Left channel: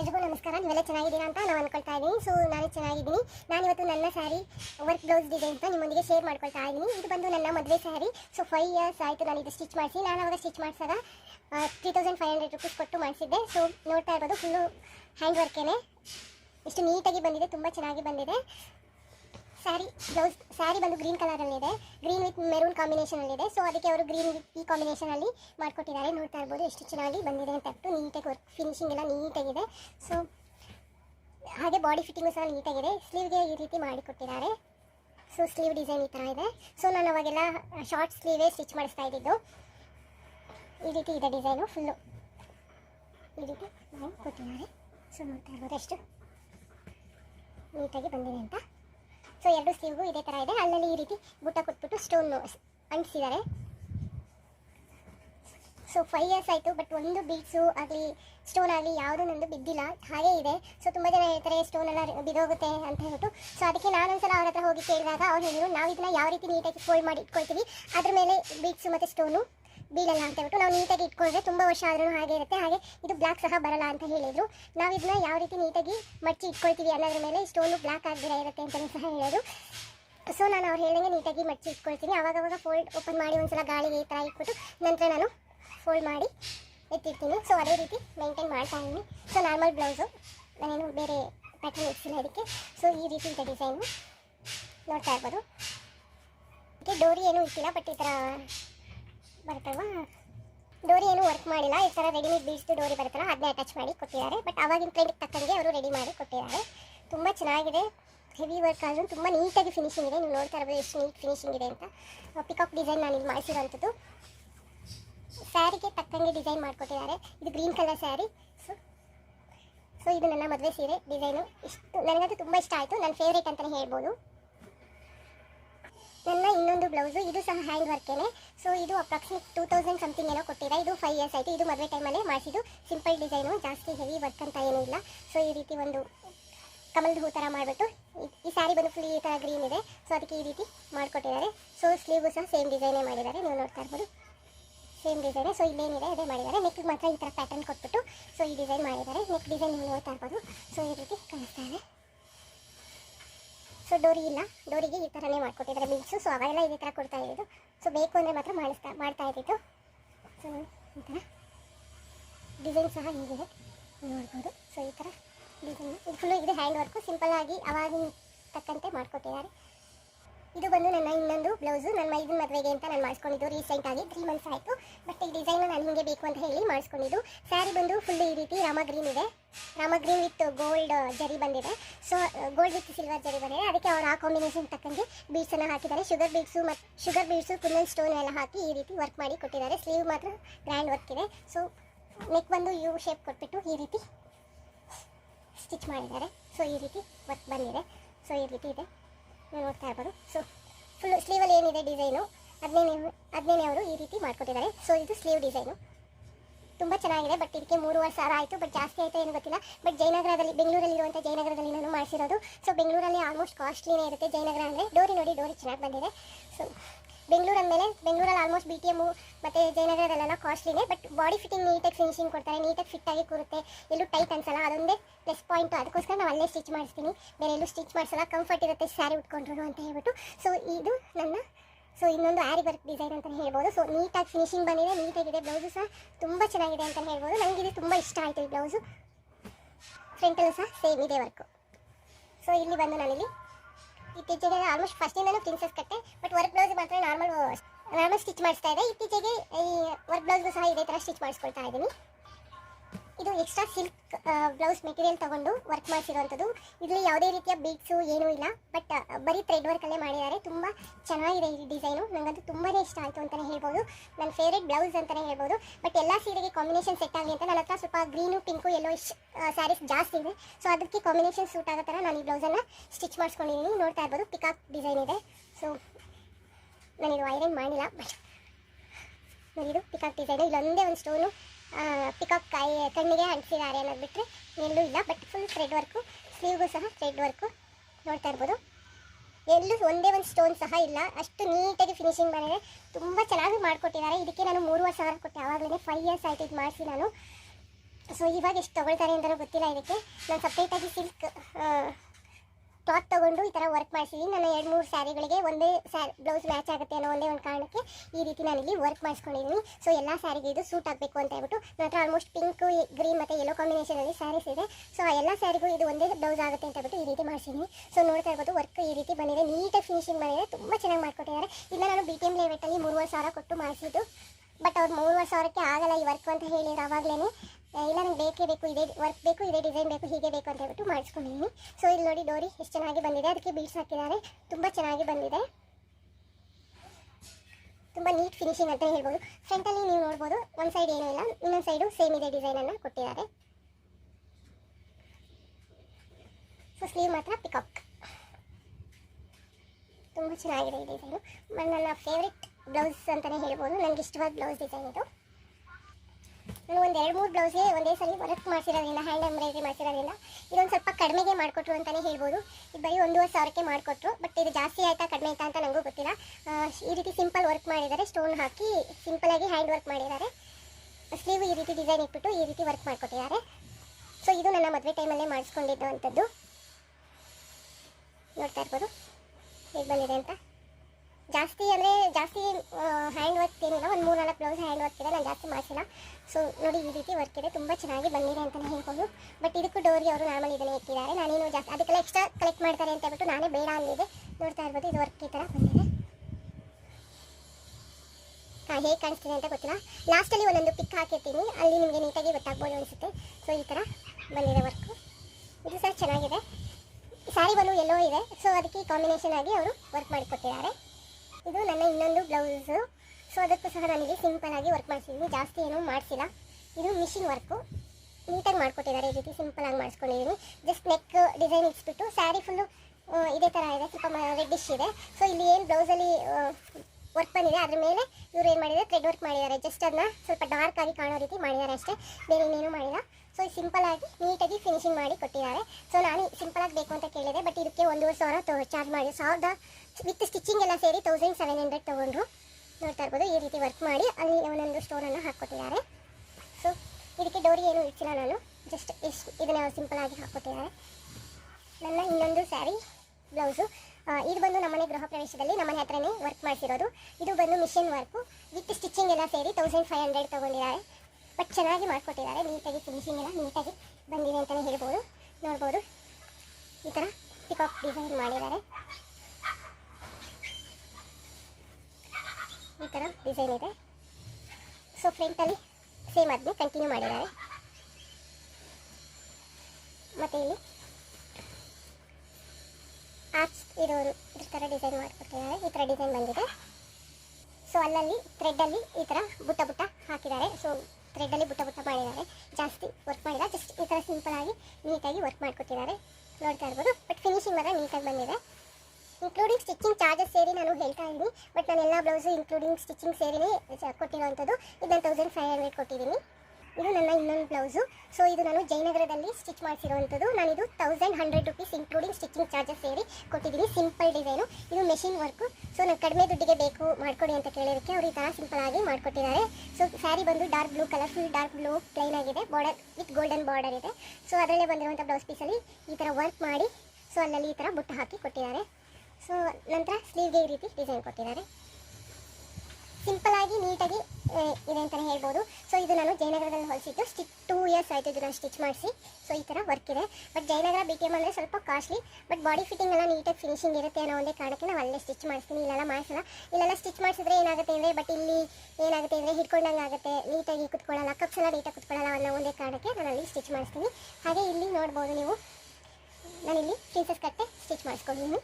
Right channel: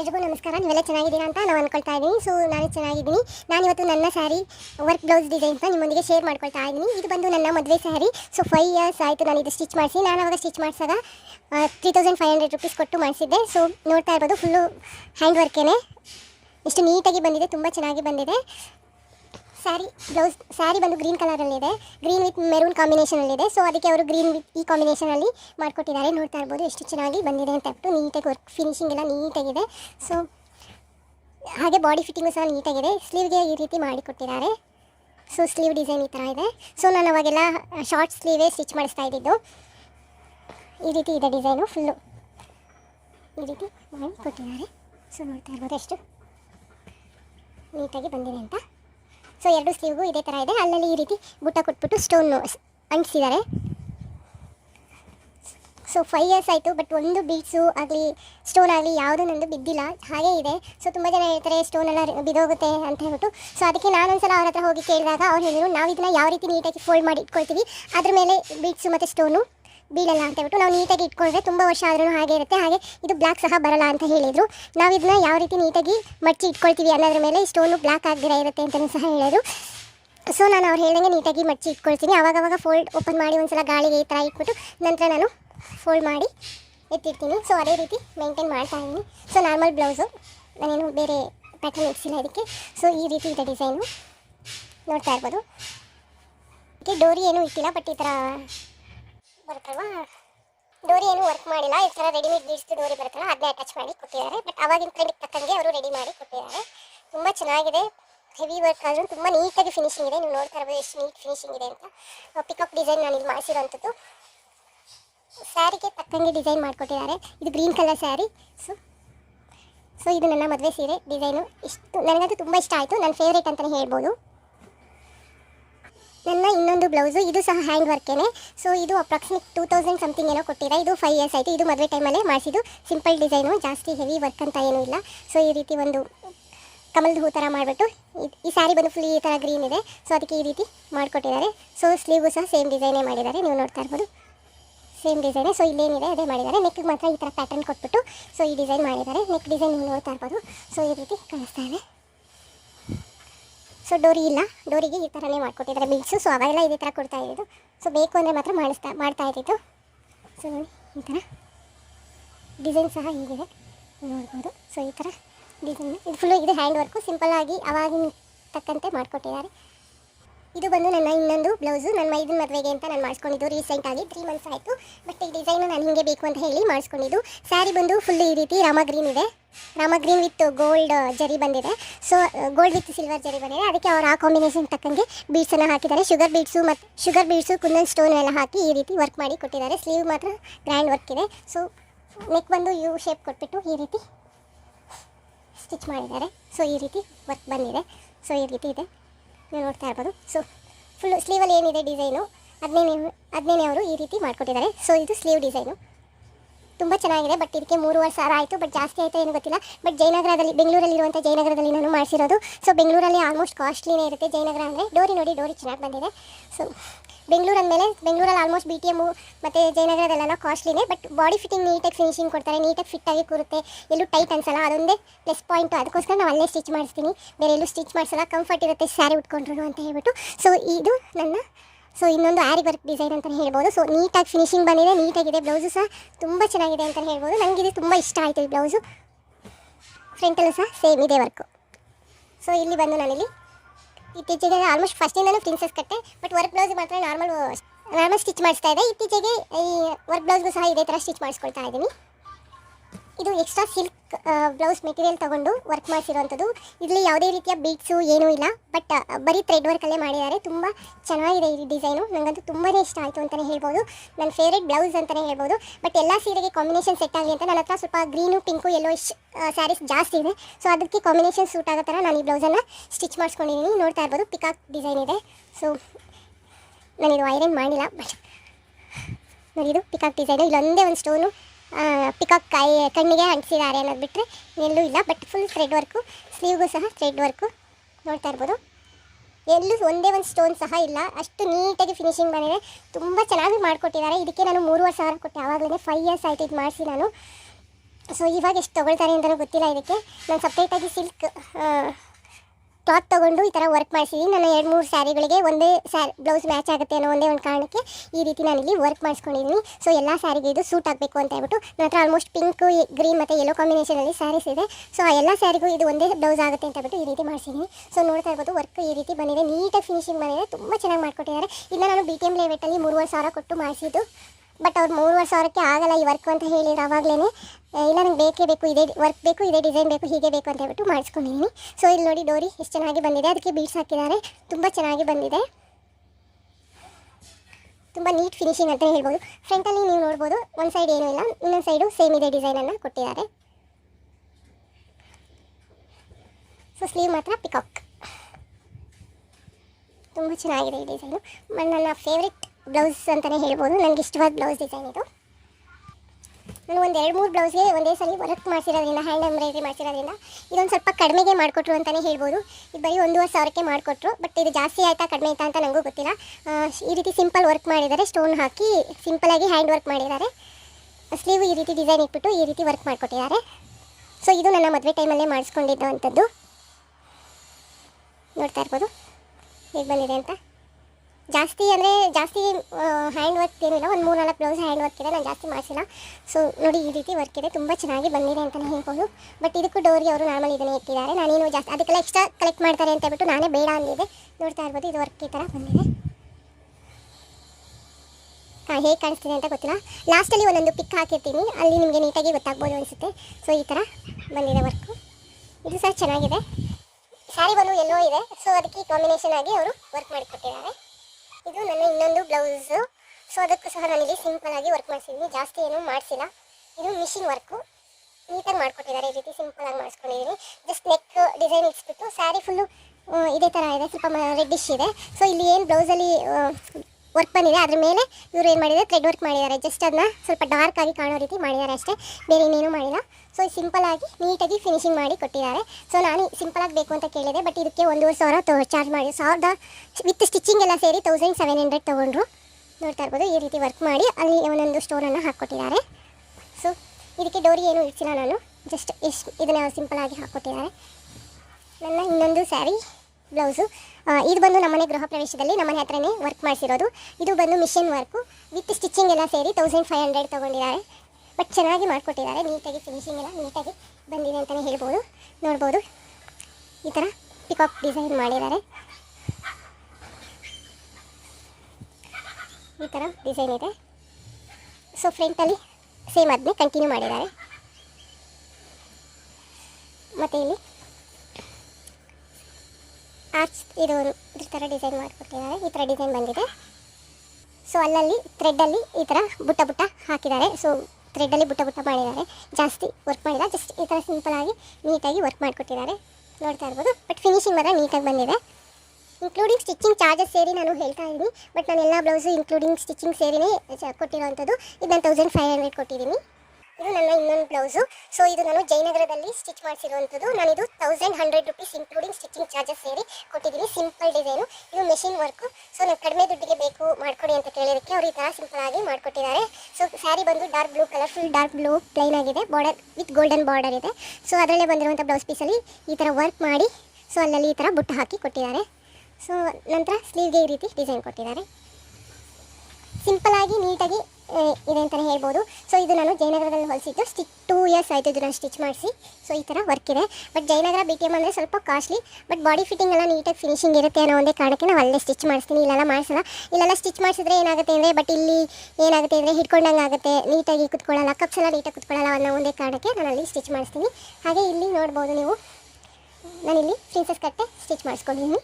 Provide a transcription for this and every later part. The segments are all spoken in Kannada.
ಎಲ್ರಿಗೂ ನಮಸ್ಕಾರ. ನೀವೆಲ್ಲ ಚೆನ್ನಾಗಿದ್ದೀರಾ ಅಂತ ನಾವು ಅಂದ್ಕೊಳ್ತಾ ಇದ್ದೀನಿ. ಸೊ ನಾನು ಚೆನ್ನಾಗಿದ್ದೀನಿ. ನಾನಿವತ್ತು ನನ್ನ ಸ್ಯಾರಿ ವರ್ಕ್ ಬ್ಲೌಸ್ ಡಿಸೈನ್ ಅಂತ ನಿಮ್ಮೊಂದಿಗೆ ಶೇರ್ ಮಾಡ್ಕೊಳ್ತಾ ಇದ್ದೀನಿ. ಇದು ಬಂದು ನನ್ನ ಮದುವೆ ಸ್ಯಾರಿ. ಸೊ 5 ಇಯರ್ಸ್ ಆಯಿತು ನಾನು ಇದು ಸ್ಟಿಚ್ ಮಾಡಿಸಿ. ನಾನು ಅವಾಗ ಸ್ಟಿಚ್ ಮಾಡಿಸಾಗ 3500 ರೂಪೀಸ್ ಕೊಟ್ಟು ಮಾಡಿಸಿದ್ದೆ. ಸೊ ನೋಡ್ತಾ ಇರ್ಬೋದು, ಫುಲ್ಲು ಹ್ಯಾಂಡ್ ವರ್ಕೇನೆ ಎಷ್ಟು ನೀಟಾಗಿ ಬಂದಿದೆ, ತುಂಬ ಚೆನ್ನಾಗಿ ಬಂದಿದೆ. ಸ್ಯಾರಿ ಬಂದು ಗ್ರೀನ್ ಕಲರಲ್ಲಿದೆ, ಗ್ರೀನ್ ವಿತ್ ಮೆರೂನ್ ಕಾಂಬಿನೇಷನಲ್ಲಿದೆ. ಸೊ ಅದಕ್ಕೆ ಅವರು ಗ್ರೀನ್ ವಿತ್ ಈ ಕಾಂಬಿನೇಷನಲ್ಲಿ ಮಾಡಿಕೊಟ್ಟಿದ್ದಾರೆ. ನೋಡ್ತಾ ಇರ್ಬೋದು ಎಷ್ಟು ಚೆನ್ನಾಗಿ ಬಂದಿದೆ ಅಂತ ಹೇಳ್ಬಿಟ್ಟು. ನೀಟಾಗಿ ವರ್ಕ್ ಫಿನಿಶಿಂಗ್ ಎಲ್ಲ ನೀಟಾಗಿದೆ. ಸೊ ಹಾಗೆ ಬಾಡಿ ಫಿಟ್ಟಿಂಗು ಸಹ ನೀಟಾಗಿದೆ. ಸ್ಲೀವ್ಗೆ ಈ ರೀತಿ ಮಾಡಿಕೊಟ್ಟಿದ್ದಾರೆ. ಸೊ ಸ್ಲೀವ್ ಡಿಸೈನ್ ಈ ಥರ ಇದೆ. ಸೊ ನಾನು ಅವಾಗೆಲ್ಲ ಶಾರ್ಟ್ ಸ್ಲೀವೇ ಸ್ಟಿಚ್ ಮಾಡಿಸ್ತಾ ಇದ್ದಿದ್ದು. ಈ ರೀತಿ ಇದೆ ಡಿಸೈನು, ಫುಲ್ಲು ಈ ರೀತಿ ಮಾಡಿ ಕೊಟ್ಟಿದ್ದಾರೆ. ಸೊ ನೋಡ್ತಾ ಇರ್ಬೋದು ಎಷ್ಟು ನೀಟಾಗಿ ಬಂದಿದೆ ಅಂತ. ಸೊ ಎರಡು ಸ್ಲೀವ್ಗೂ ಇದೇ ಥರ ಇದೆ. ಅಲ್ಲಲ್ಲಿ ಈ ರೀತಿ ಬುಟ್ಟ ಕೊಟ್ಬಿಟ್ಟು ಸ್ಟೋನ್ ಅಂಟಿಸಿದ್ದಾರೆ. ಸೊ 5 ಇಯರ್ಸ್ ಆಯಿತು, ಬಟ್ ಒಂದು ಬೀಡ್ಸು ಆಗಲಿ ಸ್ಟೋನ್ ಆಗಲಿ ಯಾವುದೂ ನಂದು ಬಿದ್ದಿಲ್ಲ, ಹಾಗೇ ಇದೆ. ಸೊ ತುಂಬ ಜನ ಹೇಳ್ತಾರೆ ಸ್ಟೋನ್ ಎಲ್ಲ ಬಿದ್ದೋಗುತ್ತೆ ಅಂತ ಹೇಳ್ಬಿಟ್ಟು. ಸೊ ಅದಕ್ಕೆ ನಾನೊಂದ್ಸಲ ಅವ್ರ ಹತ್ರ ಹೋಗಿ ಕೇಳಿದಾಗ ಅವ್ರು ಹೇಳಿದ್ರು, ನಾವು ಇದನ್ನು ಯಾವ ರೀತಿ ನೀಟಾಗಿ ಫೋಲ್ಡ್ ಮಾಡಿ ಇಟ್ಕೊಳ್ತೀವಿ, ಅದ್ರ ಮೇಲೆ ಬೀಡ್ಸು ಮತ್ತು ಸ್ಟೋನು ಬೀಳಲ್ಲ ಅಂತ ಹೇಳ್ಬಿಟ್ಟು ನಾವು ನೀಟಾಗಿ ಇಟ್ಕೊಂಡ್ರೆ ತುಂಬ ವರ್ಷ ಆದ್ರೂ ಹಾಗೆ ಇರುತ್ತೆ, ಹಾಗೆ ಇದು ಬ್ಲ್ಯಾಕ್ ಸಹ ಬರಲ್ಲ ಅಂತ ಹೇಳಿದರು. ನಾವು ಇದನ್ನ ಯಾವ ರೀತಿ ನೀಟಾಗಿ ಮಡಚಿ ಇಟ್ಕೊಳ್ತೀವಿ ಅನ್ನೋದ್ರ ಮೇಲೆ ಈ ಸ್ಟೋನು ಬ್ಲ್ಯಾಕ್ ಆಗದಿರ ಇರುತ್ತೆ ಅಂತಲೂ ಸಹ ಹೇಳಿದರು. ಸೊ ನಾನು ಅವ್ರು ಹೇಳ್ದಂಗೆ ನೀಟಾಗಿ ಮಡಚಿ ಇಟ್ಕೊಳ್ತೀನಿ. ಆವಾಗವಾಗ ಫೋಲ್ಡ್ ಓಪನ್ ಮಾಡಿ ಒಂದ್ಸಲ ಗಾಳಿಗೆ ಈ ಥರ ಇಟ್ಬಿಟ್ಟು ನಂತರ ನಾನು ಫೋಲ್ಡ್ ಮಾಡಿ ಎತ್ತಿರ್ತೀನಿ. ಸೊ ಅದೇ ರೀತಿ ಮೇಂಟೈನ್ ಮಾಡ್ತಾ ಇದ್ದೀನಿ. ಸೊ ನಾರ್ಮಲ್ ಬ್ಲೌಸು, ನಾನೇನು ಬೇರೆ ಪ್ಯಾಟರ್ನ್ ಇಡ್ಸಿಲ್ಲ ಇದಕ್ಕೆ. ಸೊ ಈ ರೀತಿ ಇದೆ ಡಿಸೈನು, ನೋಡ್ತಾ ಇರ್ಬೋದು. ಇದಕ್ಕೆ ಡೋರಿ ಏನೂ ಇಟ್ಟಿಲ್ಲ, ಬಟ್ ಈ ಥರ ಬರುತ್ತಲ್ವ, ಡೋರಿ ಏನು ವರ್ಕ್ ಮಾಡಿಲ್ಲ. ಈ ಥರ ರೆಡಿಮೇಡ್ ಬೀಡ್ಸ್ದು ಡೋರಿ ಬರುತ್ತಲ್ಲ, ಅದನ್ನೇ ಅಟ್ಯಾಚ್ ಮಾಡಿ ಕೊಟ್ಟಿದ್ದಾರೆ. ಬಟ್ ಆವಾಗಿನ ಟ್ರೆಂಡಿಗೆ ತಕ್ಕಂಗೆ ಅವರು ರೆಡಿ ಮಾಡಿ ಕೊಟ್ಟಿದ್ದಾರೆ. ತುಂಬ ಚೆನ್ನಾಗಿದೆ. ಹೆವಿ ವರ್ಕ್ ಆದರೂ ತುಂಬ ನೀಟಾಗಿ ಫಿನಿಶಿಂಗ್ ಇದೆ. ನೀವು ನೋಡ್ತಾ ಇರ್ಬೋದು ಎಷ್ಟು ನೀಟ್ ಫಿನಿಶಿಂಗ್ ಇದೆ ಅಂತ. ಪಿಕಾಕ್ ಡಿಸೈನ್ ನಾನು ಇದು ಮಾಡಿಸಿರೋಂಥದ್ದು. ಸ್ಯಾರಿಗೆ ತಕ್ಕಂಗೆ ಡಿಸೈನ್ ಮಾಡಿಕೊಟ್ಟಿದ್ದಾರೆ. ಇದು ಗ್ರೀನ್ ಕಲರ್ ಸ್ಯಾರಿ. ಸೊ ಇದು ನನ್ನ ಮದುವೆ ಸೀರೆ ಡಿಸೈನು. ಇಷ್ಟು ನನಗಂತೂ ತುಂಬ ಇಷ್ಟ ಆಯಿತು, ನನ್ನ ಫೇವ್ರೇಟ್ ಅಂತಲೇ ಹೇಳ್ಬೋದು. ನನ್ನ ಇನ್ನೊಂದು ಬ್ಲೌಸು, ಇದು ಸಹ ಹ್ಯಾಂಡ್ ವರ್ಕೇನೆ. ಸೊ ಇದು ಅಪ್ರಾಕ್ಸಿಮೇಟ್ 2000 ಸಮಥಿಂಗ್ ಏನೋ ಕೊಟ್ಟಿದ್ದಾರೆ. ಇದು 5 ಇಯರ್ಸ್ ಆಯಿತು. ಇದು ಮದುವೆ ಟೈಮಲ್ಲೇ ಮಾಡಿಸಿದ್ದು. ಸಿಂಪಲ್ ಡಿಸೈನು, ಜಾಸ್ತಿ ಹೆವಿ ವರ್ಕ್ ಅಂತ ಏನೂ ಇಲ್ಲ. ಸೊ ಈ ರೀತಿ ಒಂದು ಕಮಲದ ಹೂ ಥರ ಮಾಡಿಬಿಟ್ಟು ಈ ಸ್ಯಾರಿ ಬಂದು ಫುಲ್ ಈ ಥರ ಗ್ರೀನ್ ಇದೆ. ಸೊ ಅದಕ್ಕೆ ಈ ರೀತಿ ಮಾಡಿಕೊಟ್ಟಿದ್ದಾರೆ. ಸೊ ಸ್ಲೀವು ಸಹ ಸೇಮ್ ಡಿಸೈನೇ ಮಾಡಿದ್ದಾರೆ, ನೀವು ನೋಡ್ತಾ ಇರ್ಬೋದು, ಸೇಮ್ ಡಿಸೈನೇ. ಸೊ ಇಲ್ಲೇನಿದೆ ಅದೇ ಮಾಡಿದ್ದಾರೆ. ನೆಕ್ಗೆ ಮಾತ್ರ ಈ ಥರ ಪ್ಯಾಟರ್ನ್ ಕೊಟ್ಬಿಟ್ಟು ಸೊ ಈ ಡಿಸೈನ್ ಮಾಡಿದ್ದಾರೆ. ನೆಕ್ ಡಿಸೈನ್ ನೀವು ನೋಡ್ತಾ ಇರ್ಬೋದು. ಸೊ ಈ ರೀತಿ ಕಾಣಿಸ್ತಾ ಇದೆ. ಸೊ ಡೋರಿ ಇಲ್ಲ, ಡೋರಿಗೆ ಈ ಥರನೇ ಮಾಡಿಕೊಟ್ಟಿದ್ದಾರೆ ಬೀಡ್ಸು. ಸೊ ಅವೆಲ್ಲ ಇದೇ ಥರ ಕೊಡ್ತಾ ಇರೋದು. ಸೊ ಬೇಕು ಅಂದರೆ ಮಾತ್ರ ಮಾಡ್ತಾ ಇದ್ದಿದ್ದು. ಸೊ ನೋಡಿ ಈ ಥರ ಡಿಸೈನ್ ಸಹ ಹೀಗಿದೆ, ನೋಡ್ಬೋದು. ಸೊ ಈ ಥರ ಡಿಸೈನ್ ಇದು ಫುಲ್ಲು ಇದು ಹ್ಯಾಂಡ್ ವರ್ಕು, ಸಿಂಪಲ್ಲಾಗಿ ಅವಾಗಿನ ತಕ್ಕಂತೆ ಮಾಡಿಕೊಟ್ಟಿದ್ದಾರೆ. ಇದು ಬಂದು ನನ್ನ ಇನ್ನೊಂದು ಬ್ಲೌಸು. ನನ್ನ ಮೈದಿನ ಮದುವೆಗೆ ಅಂತ ನಾನು ಮಾಡಿಸ್ಕೊಂಡಿದ್ದು ರೀಸೆಂಟಾಗಿ 3 ಮಂತ್ಸ್ ಆಯಿತು. ಬಟ್ ಈ ಡಿಸೈನು ನಾನು ಹಿಂಗೆ ಬೇಕು ಅಂತ ಹೇಳಿ ಮಾಡಿಸ್ಕೊಂಡಿದ್ದು. ಸ್ಯಾರಿ ಬಂದು ಫುಲ್ ಈ ರೀತಿ ರಾಮ ಗ್ರೀನ್ ಇದೆ, ರಾಮ ಗ್ರೀನ್ ವಿತ್ ಗೋಲ್ಡ್ ಜರಿ ಬಂದಿದೆ. ಸೊ ಗೋಲ್ಡ್ ವಿತ್ ಸಿಲ್ವರ್ ಜರಿ ಬಂದಿದೆ. ಅದಕ್ಕೆ ಅವರು ಆ ಕಾಂಬಿನೇಷನ್ ತಕ್ಕಂಗೆ ಬೀಡ್ಸನ್ನು ಹಾಕಿದ್ದಾರೆ. ಶುಗರ್ ಬೀಡ್ಸು ಕುಂದನ್ ಸ್ಟೋನ್ ಎಲ್ಲ ಹಾಕಿ ಈ ರೀತಿ ವರ್ಕ್ ಮಾಡಿ ಕೊಟ್ಟಿದ್ದಾರೆ. ಸ್ಲೀವ್ ಮಾತ್ರ ಗ್ರ್ಯಾಂಡ್ ವರ್ಕ್ ಇದೆ. ಸೊ ನೆಕ್ ಬಂದು ಯು ಶೇಪ್ ಕೊಟ್ಬಿಟ್ಟು ಈ ರೀತಿ ಸ್ಟಿಚ್ ಮಾಡಿದ್ದಾರೆ. ಸೊ ಈ ರೀತಿ ವರ್ಕ್ ಬಂದಿದೆ. ಸೊ ಈ ರೀತಿ ಇದೆ, ನೀವು ನೋಡ್ತಾ ಇರ್ಬೋದು. ಸೊ ಫುಲ್ಲು ಸ್ಲೀವಲ್ಲಿ ಏನಿದೆ ಡಿಸೈನು ಅದನ್ನೇ ಅವರು ಈ ರೀತಿ ಮಾಡಿಕೊಟ್ಟಿದ್ದಾರೆ. ಸೊ ಇದು ಸ್ಲೀವ್ ಡಿಸೈನು ತುಂಬ ಚೆನ್ನಾಗಿದೆ. ಬಟ್ ಇದಕ್ಕೆ 3,500 ಆಯಿತು. ಬಟ್ ಜಾಸ್ತಿ ಆಯಿತು ಏನು ಗೊತ್ತಿಲ್ಲ. ಬಟ್ ಬೆಂಗಳೂರಲ್ಲಿರುವಂಥ ಜಯನಗರದಲ್ಲಿ ನಾನು ಮಾಡಿಸಿರೋದು. ಸೊ ಬೆಂಗಳೂರಲ್ಲಿ ಆಲ್ಮೋಸ್ಟ್ ಕಾಸ್ಟ್ಲಿನೇ ಇರುತ್ತೆ ಜಯನಗರ ಅಂದರೆ. ಡೋರಿ ಚೆನ್ನಾಗಿ ಬಂದಿದೆ. ಸೊ ಬೆಂಗಳೂರಲ್ಲಿ ಆಲ್ಮೋಸ್ಟ್ BTM ಮತ್ತು ಜಯನಗರದಲ್ಲೆಲ್ಲ ಕಾಸ್ಟ್ಲಿನೇ. ಬಟ್ ಬಾಡಿ ಫಿಟ್ಟಿಂಗ್ ನೀಟಾಗಿ ಫಿನಿಶಿಂಗ್ ಕೊಡ್ತಾರೆ, ನೀಟಾಗಿ ಫಿಟ್ಟಾಗಿ ಕೂರುತ್ತೆ, ಎಲ್ಲೂ ಟೈಟ್ ಅನ್ಸಲ್ಲ. ಅದೊಂದೇ ಪ್ಲಸ್ ಪಾಯಿಂಟು. ಅದಕ್ಕೋಸ್ಕರ ನಾವು ಅಲ್ಲೇ ಸ್ಟಿಚ್ ಮಾಡಿಸ್ತೀನಿ, ಬೇರೆ ಎಲ್ಲೂ ಸ್ಟಿಚ್ ಮಾಡಿಸಲ್ಲ. ಕಂಫರ್ಟ್ ಇರುತ್ತೆ ಸ್ಯಾರಿ ಉಟ್ಕೊಂಡ್ರು ಅಂತ ಹೇಳ್ಬಿಟ್ಟು. ಸೊ ಇದು ನನ್ನ ಇನ್ನೊಂದು ಆರಿ ವರ್ಕ್ ಡಿಸೈನ್ ಅಂತಲೇ ಹೇಳ್ಬೋದು. ಸೊ ನೀಟಾಗಿ ಫಿನಿಶಿಂಗ್ ಬಂದಿದೆ, ನೀಟಾಗಿದೆ. ಬ್ಲೌಸು ಸಹ ತುಂಬ ಚೆನ್ನಾಗಿದೆ ಅಂತಲೇ ಹೇಳ್ಬೋದು. ನನಗೆ ಇದು ತುಂಬ ಇಷ್ಟ ಆಯಿತು ಈ ಬ್ಲೌಸು. ಫ್ರಂಟಲ್ಲೂ ಸಹ ಸೇಮ್ ಇದೆ ವರ್ಕು. ಸೊ ಇಲ್ಲಿ ಬಂದು ನಾನಿಲ್ಲಿ ಇತ್ತೀಚೆಗೆ ಆಲ್ಮೋಸ್ಟ್ ಫಸ್ಟಿಂದನೂ ಪ್ರಿನ್ಸಸ್ ಕಟ್ಟೆ, ಬಟ್ ವರ್ಕ್ ಬ್ಲೌಸ್ ಮಾತ್ರ ನಾರ್ಮಲ್ ಸ್ಟಿಚ್ ಮಾಡಿಸ್ತಾ ಇದೆ. ಇತ್ತೀಚೆಗೆ ಈ ವರ್ಕ್ ಬ್ಲೌಸ್ಗೂ ಸಹ ಇದೇ ಥರ ಸ್ಟಿಚ್ ಮಾಡಿಸ್ಕೊಳ್ತಾ ಇದ್ದೀನಿ. ಇದು ಎಕ್ಸ್ಟ್ರಾ ಸಿಲ್ಕ್ ಬ್ಲೌಸ್ ಮೆಟೀರಿಯಲ್ ತೊಗೊಂಡು ವರ್ಕ್ ಮಾಡಿಸಿರೋವಂಥದ್ದು. ಇಲ್ಲಿ ಯಾವುದೇ ರೀತಿಯ ಬೀಡ್ಸು ಏನೂ ಇಲ್ಲ, ಬಟ್ ಬರೀ ಥ್ರೆಡ್ ವರ್ಕಲ್ಲೇ ಮಾಡಿದ್ದಾರೆ. ತುಂಬ ಚೆನ್ನಾಗಿದೆ ಈ ಡಿಸೈನು. ನನಗಂತೂ ತುಂಬಾ ಇಷ್ಟ ಆಯಿತು ಅಂತಲೇ ಹೇಳ್ಬೋದು. ನನ್ನ ಫೇವ್ರೇಟ್ ಬ್ಲೌಸ್ ಅಂತಲೇ ಹೇಳ್ಬೋದು. ಬಟ್ ಎಲ್ಲ ಸೀರೆಗೆ ಕಾಂಬಿನೇಷನ್ ಸೆಟ್ ಆಗಲಿ ಅಂತ ನನ್ನ ಹತ್ರ ಸ್ವಲ್ಪ ಗ್ರೀನು ಪಿಂಕು ಯೆಲ್ಲೋಯಿಶ್ ಸ್ಯಾರೀಸ್ ಜಾಸ್ತಿ ಇದೆ. ಸೊ ಅದಕ್ಕೆ ಕಾಂಬಿನೇಷನ್ ಸೂಟ್ ಆಗೋ ಥರ ನಾನು ಈ ಬ್ಲೌಸನ್ನು ಸ್ಟಿಚ್ ಮಾಡಿಸ್ಕೊಂಡಿದ್ದೀನಿ. ನೋಡ್ತಾ ಇರ್ಬೋದು, ಪಿಕಾಕ್ ಡಿಸೈನ್ ಇದೆ. ಸೊ ನಾನಿದು ಐರನ್ ಮಾಡಿಲ್ಲ, ಬಟ್ ನಾನಿದು ಪಿಕಾಕ್ ಡಿಸೈನು. ಇಲ್ಲೊಂದೇ ಒಂದು ಸ್ಟೋನು ಪಿಕಾಕ್ ಕಣ್ಣಿಗೆ ಅಂಟಿಸಿದ್ದಾರೆ ಅನ್ನೋದು ಬಿಟ್ಟರೆ ಎಲ್ಲೂ ಇಲ್ಲ. ಬಟ್ ಫುಲ್ ಥ್ರೆಡ್ ವರ್ಕು, ಸ್ಲೀವ್ಗೂ ಸಹ ಥ್ರೆಡ್ ವರ್ಕು ನೋಡ್ತಾ ಇರ್ಬೋದು. ಎಲ್ಲೂ ಒಂದೇ ಒಂದು ಸ್ಟೋನ್ ಸಹ ಇಲ್ಲ, ಅಷ್ಟು ನೀಟಾಗಿ ಫಿನಿಶಿಂಗ್ ಬಂದಿದೆ. ತುಂಬ ಚೆನ್ನಾಗಿ ಮಾಡಿಕೊಟ್ಟಿದ್ದಾರೆ. ಇದಕ್ಕೆ ನಾನು 3,500 ಕೊಟ್ಟೆ ಆವಾಗಲೇ. 5 ಇಯರ್ಸ್ ಆಯಿತು ಇದು ಮಾಡಿಸಿ ನಾನು. ಸೊ ಇವಾಗ ಎಷ್ಟು ತೊಗೊಳ್ತಾರೆ ಅಂತಲೂ ಗೊತ್ತಿಲ್ಲ. ಇದಕ್ಕೆ ನಾನು ಸಪ್ರೇಟಾಗಿ ಸಿಲ್ಕ್ ಕ್ಲಾತ್ ತೊಗೊಂಡು ಈ ಥರ ವರ್ಕ್ ಮಾಡಿಸಿದ್ದೀನಿ. ನನ್ನ 2-3 ಸ್ಯಾರಿಗಳಿಗೆ ಒಂದೇ ಬ್ಲೌಸ್ ಮ್ಯಾಚ್ ಆಗುತ್ತೆ ಅನ್ನೋ ಒಂದೇ ಒಂದು ಕಾರಣಕ್ಕೆ ಈ ರೀತಿ ನಾನಿಲ್ಲಿ ವರ್ಕ್ ಮಾಡಿಸ್ಕೊಂಡಿದ್ದೀನಿ. ಸೊ ಎಲ್ಲ ಸ್ಯಾರಿಗೆ ಇದು ಸೂಟ್ ಆಗಬೇಕು ಅಂತ ಹೇಳ್ಬಿಟ್ಟು ನನ್ನ ಹತ್ರ ಆಲ್ಮೋಸ್ಟ್ ಪಿಂಕ್, ಗ್ರೀನ್ ಮತ್ತು ಯೆಲ್ಲೋ ಕಾಂಬಿನೇಷನಲ್ಲಿ ಸ್ಯಾರೀಸ್ ಇದೆ. ಸೊ ಆ ಎಲ್ಲ ಸ್ಯಾರಿಗೂ ಇದು ಒಂದೇ ಬ್ಲೌಸ್ ಆಗುತ್ತೆ ಅಂತ ಹೇಳ್ಬಿಟ್ಟು ಈ ರೀತಿ ಮಾಡಿಸಿದ್ದೀನಿ. ಸೊ ನೋಡ್ತಾ ಇರ್ಬೋದು ವರ್ಕ್ ಈ ರೀತಿ ಬಂದಿದೆ, ನೀಟಾಗಿ ಫಿನಿಶಿಂಗ್ ಬಂದಿದೆ, ತುಂಬ ಚೆನ್ನಾಗಿ ಮಾಡಿಕೊಟ್ಟಿದ್ದಾರೆ. ಇನ್ನು ನಾನು BTM ಲೇಔಟಲ್ಲಿ 3,500 ಕೊಟ್ಟು ಮಾಡಿಸಿದ್ದು. ಬಟ್ ಅವ್ರು 3,500ಕ್ಕೆ ಆಗಲ್ಲ ಈ ವರ್ಕ್ ಅಂತ ಹೇಳಿದ್ರು ಆವಾಗಲೇ. ಇಲ್ಲ ನಂಗೆ ಬೇಕೇ ಬೇಕು, ಇದೇ ವರ್ಕ್ ಬೇಕು, ಇದೇ ಡಿಸೈನ್ ಬೇಕು, ಹೀಗೆ ಬೇಕು ಅಂತ ಹೇಳ್ಬಿಟ್ಟು ಮಾಡಿಸ್ಕೊಂಡಿದ್ದೀನಿ. ಸೊ ಇಲ್ಲಿ ನೋಡಿ ಡೋರಿ ಎಷ್ಟು ಚೆನ್ನಾಗಿ ಬಂದಿದೆ, ಅದಕ್ಕೆ ಬೀಡ್ಸ್ ಹಾಕಿದ್ದಾರೆ, ತುಂಬ ಚೆನ್ನಾಗಿ ಬಂದಿದೆ, ತುಂಬ ನೀಟ್ ಫಿನಿಶಿಂಗ್ ಅಂತ ಹೇಳ್ಬೋದು. ಫ್ರಂಟಲ್ಲಿ ನೀವು ನೋಡ್ಬೋದು ಒಂದು ಸೈಡ್ ಏನೂ ಇಲ್ಲ, ಇನ್ನೊಂದು ಸೈಡು ಸೇಮ್ ಇದೆ ಡಿಸೈನನ್ನು ಕೊಟ್ಟಿದ್ದಾರೆ. ಸೊ ಸ್ಲೀವ್ ಮಾತ್ರ ಪಿಕಾಕ್, ತುಂಬ ಚೆನ್ನಾಗಿದೆ ಈ ಡಿಸೈನು. ನನ್ನ ಫೇವ್ರೆಟ್ ಬ್ಲೌಸ್ ಅಂತಲೇ ಹೇಳ್ಬೋದು, ನನಗೆ ಇಷ್ಟವಾದ ಬ್ಲೌಸ್ ಡಿಸೈನ್ ಇದು. ನಾನು ಒಂದು 2-3 ಬ್ಲೌಸ್ಗೆ ಒಂದೇ ಸಲ ವರ್ಕ್ ಮಾಡಿಸಿರೋದ್ರಿಂದ, ಹ್ಯಾಂಡ್ ಎಂಬ್ರಾಯ್ಡ್ರಿ ಮಾಡಿಸಿರೋದ್ರಿಂದ ಇದೊಂದು ಸ್ವಲ್ಪ ಕಡಿಮೆಗೆ ಮಾಡಿಕೊಟ್ರು ಅಂತಲೇ ಹೇಳ್ಬೋದು. ಇದು ಬರೀ 1,500ಕ್ಕೆ ಮಾಡಿಕೊಟ್ರು. ಬಟ್ ಇದು ಜಾಸ್ತಿ ಆಯಿತಾ ಕಡಿಮೆ ಆಯಿತಾ ಅಂತ ನನಗೂ ಗೊತ್ತಿಲ್ಲ. ಈ ರೀತಿ ಸಿಂಪಲ್ ವರ್ಕ್ ಮಾಡಿದ್ದಾರೆ, ಸ್ಟೋನ್ ಹಾಕಿ ಸಿಂಪಲಾಗಿ ಹ್ಯಾಂಡ್ ವರ್ಕ್ ಮಾಡಿದ್ದಾರೆ. ಸ್ಲೀವ್ ಈ ರೀತಿ ಡಿಸೈನ್ ಇಟ್ಬಿಟ್ಟು ಈ ರೀತಿ ವರ್ಕ್ ಮಾಡಿಕೊಟ್ಟಿದ್ದಾರೆ. ಸೊ ಇದು ನನ್ನ ಮದುವೆ ಟೈಮಲ್ಲೇ ಮಾಡಿಸ್ಕೊಂಡಿದ್ದಂಥದ್ದು. ನೋಡ್ತಾ ಇರ್ಬೋದು ಹೇಗೆ ಬಂದಿದೆ ಅಂತ. ಜಾಸ್ತಿ ಹ್ಯಾಂಡ್ ವರ್ಕ್ ಏನಿಲ್ಲ, ಒಂದು 3-4 ಬ್ಲೌಸ್ ಹ್ಯಾಂಡ್ ವರ್ಕ್ ಇದೆ, ನಾನು ಜಾಸ್ತಿ ಮಾಡಿಸಿಲ್ಲ. ಸೊ ನೋಡಿ ಈ ರೀತಿ ವರ್ಕ್ ಇದೆ, ತುಂಬ ಚೆನ್ನಾಗಿ ಬಂದಿದೆ ಅಂತಲೇ ಹೇಳ್ಬೋದು. ಬಟ್ ಇದಕ್ಕೂ ಡೋರಿಗೆ ಅವರು ನಾರ್ಮಲ್ ಇದನ್ನೇ ಇಟ್ಟಿದ್ದಾರೆ. ನಾನೇನು ಜಾಸ್ತಿ ಅದಕ್ಕೆಲ್ಲ ಎಕ್ಸ್ಟ್ರಾ ಕಲೆಕ್ಟ್ ಮಾಡ್ತಾರೆ ಅಂತ ಹೇಳ್ಬಿಟ್ಟು ನಾನೇ ಬೇಡ ಅಂದಿದ್ದೆ. ನೋಡ್ತಾ ಇರ್ಬೋದು ಇದು ವರ್ಕ್ ಈ ಥರ ಬಂದಿದೆ. ಹೇಗೆ ಕಾಣಿಸ್ತಿದೆ ಅಂತ ಗೊತ್ತಿಲ್ಲ, ಲಾಸ್ಟಲ್ಲಿ ಒಂದೊಂದು ಪಿಕ್ ಹಾಕಿರ್ತೀನಿ, ಅಲ್ಲಿ ನಿಮಗೆ ನೀಟಾಗಿ ಗೊತ್ತಾಗ್ಬೋದು ಅನಿಸುತ್ತೆ. ಸೊ ಈ ಥರ ಬಂದಿದೆ ವರ್ಕು, ಇದು ಸಹ ಚೆನ್ನಾಗಿದೆ. ಸ್ಯಾರಿ ಬಂದು ಎಲ್ಲೋ ಇದೆ, ಸೊ ಅದಕ್ಕೆ ಕಾಂಬಿನೇಷನ್ ಆಗಿ ಅವರು ವರ್ಕ್ ಮಾಡಿಕೊಟ್ಟಿದ್ದಾರೆ. ಇದು ನನ್ನ ಇನ್ನೊಂದು ಬ್ಲೌಸು. ಸೊ ಅದಕ್ಕೂ ಸಹ ನನಗೆ ಸಿಂಪಲಾಗಿ ವರ್ಕ್ ಮಾಡಿಸಿದ್ದೀನಿ, ಜಾಸ್ತಿ ಏನೂ ಮಾಡಿಸಿಲ್ಲ. ಇದು ಮಿಷಿನ್ ವರ್ಕು, ನೀಟಾಗಿ ಮಾಡಿಕೊಟ್ಟಿದ್ದಾರೆ. ಈ ರೀತಿ ಸಿಂಪಲಾಗಿ ಮಾಡಿಸ್ಕೊಂಡಿದ್ದೀನಿ. ಜಸ್ಟ್ ನೆಕ್ ಡಿಸೈನ್ ಇಟ್ಬಿಟ್ಟು ಸ್ಯಾರಿ ಫುಲ್ಲು ಇದೇ ಥರ ಇದೆ, ಸ್ವಲ್ಪ ರೆಡ್ಡಿಶ್ ಇದೆ. ಸೊ ಇಲ್ಲಿ ಏನು ಬ್ಲೌಸಲ್ಲಿ ವರ್ಕ್ ಬಂದಿದೆ ಅದ್ರ ಮೇಲೆ ಇವರು ಏನು ಮಾಡಿದ್ದಾರೆ, ಥ್ರೆಡ್ ವರ್ಕ್ ಮಾಡಿದ್ದಾರೆ. ಜಸ್ಟ್ ಅದನ್ನ ಸ್ವಲ್ಪ ಡಾರ್ಕ್ ಆಗಿ ಕಾಣೋ ರೀತಿ ಮಾಡಿದ್ದಾರೆ ಅಷ್ಟೇ, ಬೇರೆ ಇನ್ನೇನು ಮಾಡಿಲ್ಲ. ಸೊ ಸಿಂಪಲಾಗಿ ನೀಟಾಗಿ ಫಿನಿಶಿಂಗ್ ಮಾಡಿ ಕೊಟ್ಟಿದ್ದಾರೆ. ಸೊ ನಾನು ಸಿಂಪಲಾಗಿ ಬೇಕು ಅಂತ ಕೇಳಿದೆ, ಬಟ್ ಇದಕ್ಕೆ 1,500 ಚಾರ್ಜ್ ಮಾಡಿ 1000 ವಿತ್ ಸ್ಟಿಚಿಂಗ್ ಎಲ್ಲ ಸೇರಿ 1,700 ತೊಗೊಂಡ್ರು. ನೋಡ್ತಾ ಇರ್ಬೋದು ಈ ರೀತಿ ವರ್ಕ್ ಮಾಡಿ ಅಲ್ಲಿ ಒಂದೊಂದು ಸ್ಟೋನನ್ನು ಹಾಕ್ಕೊಟ್ಟಿದ್ದಾರೆ. ಸೊ ಇದಕ್ಕೆ ಡೋರಿ ಏನು ಇಡ್ಸಿಲ್ಲ ನಾನು, ಜಸ್ಟ್ ಇದನ್ನು ಸಿಂಪಲಾಗಿ ಹಾಕ್ಕೊಟ್ಟಿದ್ದಾರೆ. ನನ್ನ ಇನ್ನೊಂದು ಸ್ಯಾರಿ ಬ್ಲೌಸು ಇದು ಬಂದು ನಮ್ಮನೆ ಗೃಹ ಪ್ರವೇಶದಲ್ಲಿ ನಮ್ಮನೆ ಹತ್ರನೇ ವರ್ಕ್ ಮಾಡಿಸಿರೋದು. ಇದು ಬಂದು ಮಿಷಿನ್ ವರ್ಕು ವಿತ್ ಸ್ಟಿಚಿಂಗ್ ಎಲ್ಲ ಸೇರಿ 1,500 ತೊಗೊಂಡಿದ್ದಾರೆ. ಬಟ್ ಚೆನ್ನಾಗಿ ಮಾಡಿಕೊಟ್ಟಿದ್ದಾರೆ, ನೀಟಾಗಿ ಫಿನಿಶಿಂಗ್ ಎಲ್ಲ ನೀಟಾಗಿ ಬಂದಿದೆ ಅಂತಲೇ ಹೇಳ್ಬೋದು. ನೋಡ್ಬೋದು ಈ ಥರ ಪಿಕಾಕ್ ಡಿಸೈನ್ ಮಾಡಿದ್ದಾರೆ, ಈ ಥರ ಡಿಸೈನ್ ಇದೆ. ಸೊ ಫ್ರಂಟಲ್ಲಿ ಸೇಮ್ ಅದನ್ನೇ ಕಂಟಿನ್ಯೂ ಮಾಡಿದ್ದಾರೆ. ಮತ್ತು ಇಲ್ಲಿ ಆರ್ಚ್ ಇದ್ರ ಥರ ಡಿಸೈನ್ ಮಾಡಿಕೊಟ್ಟಿದ್ದಾರೆ, ಈ ಥರ ಡಿಸೈನ್ ಬಂದಿದೆ. ಸೊ ಅಲ್ಲಲ್ಲಿ ಥ್ರೆಡ್ಡಲ್ಲಿ ಈ ಥರ ಬುಟ್ಟ ಹಾಕಿದ್ದಾರೆ. ಸೊ ಥ್ರೆಡ್ಡಲ್ಲಿ ಬುಟ್ಟ ಮಾಡಿದ್ದಾರೆ, ಜಾಸ್ತಿ ವರ್ಕ್ ಮಾಡಿಲ್ಲ, ಜಸ್ಟ್ ಈ ಥರ ಸಿಂಪಲಾಗಿ ನೀಟಾಗಿ ವರ್ಕ್ ಮಾಡಿಕೊಟ್ಟಿದ್ದಾರೆ. ನೋಡ್ತಾ ಇರ್ಬೋದು. ಬಟ್ ಫಿನಿಶಿಂಗ್ ಮಾತ್ರ ನೀಟಾಗಿ ಬಂದಿದೆ. ಇನ್ಕ್ಲೂಡಿಂಗ್ ಸ್ಟಿಚಿಂಗ್ ಚಾರ್ಜಸ್ ಸೇರಿ ನಾನು ಹೇಳ್ತಾ ಇದ್ದೀನಿ, ಬಟ್ ನಾನು ಎಲ್ಲ ಬ್ಲೌಸು ಇನ್ಕ್ಲೂಡಿಂಗ್ ಸ್ಟಿಚಿಂಗ್ ಸೇರಿನೇ ಕೊಟ್ಟಿರೋವಂಥದ್ದು. ಇದು ನಾನು 1,500 ಕೊಟ್ಟಿದ್ದೀನಿ. ಇದು ನನ್ನ ಇನ್ನೊಂದು ಬ್ಲೌಸು. ಸೊ ಇದು ನಾನು ಜಯನಗರದಲ್ಲಿ ಸ್ಟಿಚ್ ಮಾಡಿಸಿರುವಂಥದ್ದು. ನಾನಿದು 1,100 ರುಪೀಸ್ ಇನ್ಕ್ಲೂಡಿಂಗ್ ಸ್ಟಿಚಿಂಗ್ ಚಾರ್ಜಸ್ ಸೇರಿ ಕೊಟ್ಟಿದ್ದೀನಿ. ಸಿಂಪಲ್ ಡಿಸೈನು, ಇದು ಮೆಷಿನ್ ವರ್ಕು. ಸೊ ನಾನು ಕಡಿಮೆ ದುಡ್ಡಿಗೆ ಬೇಕು ಮಾಡಿಕೊಡಿ ಅಂತ ಕೇಳಿದ್ದಕ್ಕೆ ಅವರು ಈ ಥರ ಸಿಂಪಲಾಗಿ ಮಾಡಿಕೊಟ್ಟಿದ್ದಾರೆ. ಸೊ ಸ್ಯಾರಿ ಬಂದು dark blue colour, full dark blue plain ಆಗಿದೆ, ಬಾರ್ಡರ್ ವಿತ್ ಗೋಲ್ಡನ್ ಬಾರ್ಡರ್ ಇದೆ. ಸೊ ಅದರಲ್ಲೇ ಬಂದಿರುವಂಥ ಬ್ಲೌಸ್ ಪೀಸಲ್ಲಿ ಈ ಥರ ವರ್ಕ್ ಮಾಡಿ ಸೊ ಅಲ್ಲಲ್ಲಿ ಈ ಥರ ಬುಟ್ಟ ಹಾಕಿ ಕೊಟ್ಟಿದ್ದಾರೆ. ಸೊ ನಂತರ ಸ್ಲೀವ್ಗೆ ಈ ರೀತಿ ಡಿಸೈನ್ ಕೊಟ್ಟಿದ್ದಾರೆ. ಸಿಂಪಲಾಗಿ ನೀಟಾಗಿ ಇದೆ ಅಂತಲೇ ಹೇಳ್ಬೋದು. ಸೊ ಇದು ನಾನು ಜಯನಗರದಲ್ಲಿ ಹೊಲಿಸಿದ್ದು. 2 ಇಯರ್ಸ್ ಆಯಿತು ಇದು ನಾನು ಸ್ಟಿಚ್ ಮಾಡಿಸಿ. ಸೊ ಈ ಥರ ವರ್ಕ್ ಇದೆ. ಬಟ್ ಜಯನಗರ BTM ಅಂದರೆ ಸ್ವಲ್ಪ ಕಾಸ್ಟ್ಲಿ, ಬಟ್ ಬಾಡಿ ಫಿಟ್ಟಿಂಗ್ ಎಲ್ಲ ನೀಟಾಗಿ ಫಿನಿಶಿಂಗ್ ಇರುತ್ತೆ ಅನ್ನೋ ಒಂದೇ ಕಾರಣಕ್ಕೆ ನಾವು ಅಲ್ಲೇ ಸ್ಟಿಚ್ ಮಾಡಿಸ್ತೀನಿ, ಇಲ್ಲೆಲ್ಲ ಮಾಡಿಸಲ್ಲ. ಇಲ್ಲೆಲ್ಲ ಸ್ಟಿಚ್ ಮಾಡಿಸಿದ್ರೆ ಏನಾಗುತ್ತೆ ಅಂದರೆ, ಬಟ್ ಇಲ್ಲಿ ಏನಾಗುತ್ತೆ ಅಂದರೆ ಹಿಡ್ಕೊಂಡಂಗೆ ಆಗುತ್ತೆ, ನೀಟಾಗಿ ಕುತ್ಕೊಳ್ಳಲ್ಲ, ಕಪ್ಸ್ ಎಲ್ಲ ನೀಟಾಗಿ ಕುತ್ಕೊಳ್ಳಲ್ಲ ಅನ್ನೋ ಒಂದೇ ಕಾರಣಕ್ಕೆ ನಾನು ಅಲ್ಲಿ ಸ್ಟಿಚ್ ಮಾಡಿಸ್ತೀನಿ. ಹಾಗೆ ಇಲ್ಲಿ ನೋಡ್ಬೋದು ನೀವು, ನಾನಿಲ್ಲಿ ಪ್ರಿನ್ಸಸ್ ಕಟ್ಟೆ ಸ್ಟಿಚ್ ಮಾಡಿಸ್ಕೊಂಡಿದ್ದೀನಿ.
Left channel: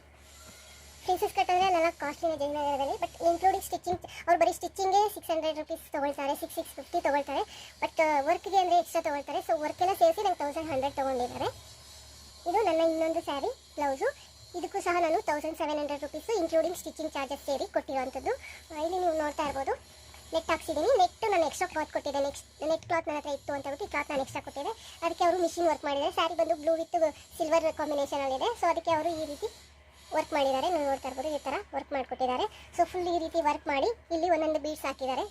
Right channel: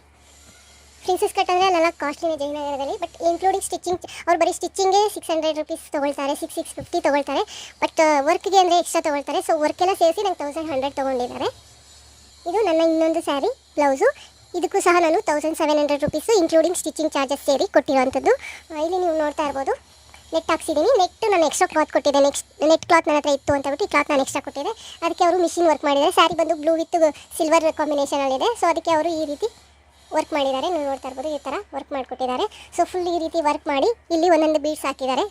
ಪ್ರಿನ್ಸಸ್ ಕಟ್ ಅಂದರೆ ಅಲ್ಲೆಲ್ಲ ಕಾಸ್ಟ್ಲಿನೇ ಜಯನಗರದಲ್ಲಿ, ಬಟ್ ಇನ್ಕ್ಲೂಡಿಂಗ್ ಸ್ಟಿಚಿಂಗ್ ಅವ್ರು ಬರೀ ಸ್ಟಿಚಿಂಗ್ಗೆ 600 ರುಪೀಸ್ ತೊಗೊಳ್ತಾರೆ, 650 ತೊಗೊಳ್ತಾರೆ. ಬಟ್ ವರ್ಕ್ಗೆ ಅಂದರೆ ಎಕ್ಸ್ಟ್ರಾ ತೊಗೊಳ್ತಾರೆ. ಸೊ ವರ್ಕೆಲ್ಲ ಸೇರಿಸಿ ನಂಗೆ 1,100 ತೊಗೊಂಡಿದ್ದಾರೆ. ಇದು ನನ್ನ ಇನ್ನೊಂದು ಸ್ಯಾರಿ ಬ್ಲೌಸು. ಇದಕ್ಕೂ ಸಹ ನಾನು 1,700 ರುಪೀಸು ಇನ್ಕ್ಲೂಡಿಂಗ್ ಸ್ಟಿಚಿಂಗ್ ಚಾರ್ಜಸ್ ಸೇರಿ ಕೊಟ್ಟಿರೋವಂಥದ್ದು. ಇಲ್ಲಿ ನೀವು ನೋಡ್ತಾ ಇರ್ಬೋದು, ನೆಟ್ ಹಾಕ್ಸಿದ್ದೀನಿ. ನೆಟ್ ನಾನು ಎಕ್ಸ್ಟ್ರಾ ಕ್ಲಾತ್ ಕೊಟ್ಟಿದ್ದೆ, ನೆಟ್ ಕ್ಲಾತ್ ನನ್ನ ಹತ್ರ ಇತ್ತು ಅಂತ ಹೇಳ್ಬಿಟ್ಟು ಈ ಕ್ಲಾತ್ ನಾನು ಎಕ್ಸ್ಟ್ರಾ ಕೊಟ್ಟಿದ್ದೆ. ಅದಕ್ಕೆ ಅವರು ಮಿಷಿನ್ ವರ್ಕ್ ಮಾಡಿದ್ದಾರೆ. ಸ್ಯಾರಿ ಬಂದು ಬ್ಲೂ ವಿತ್ ಸಿಲ್ವರ್ ಕಾಂಬಿನೇಷನಲ್ಲಿದೆ. ಸೊ ಅದಕ್ಕೆ ಅವರು ಈ ರೀತಿ ವರ್ಕ್ ಮಾಡಿದ್ದಾರೆ. ನೀವು ನೋಡ್ತಾ ಇರ್ಬೋದು ಈ ಥರ ವರ್ಕ್ ಮಾಡಿಕೊಟ್ಟಿದ್ದಾರೆ. ಸೊ ಫುಲ್ ಈ ರೀತಿ ವರ್ಕ್ ಮಾಡಿ ಇಲ್ಲಿ ಒಂದೊಂದು ಬೀಡ್ಸ್ ಹಾಕಿದ್ದಾರೆ.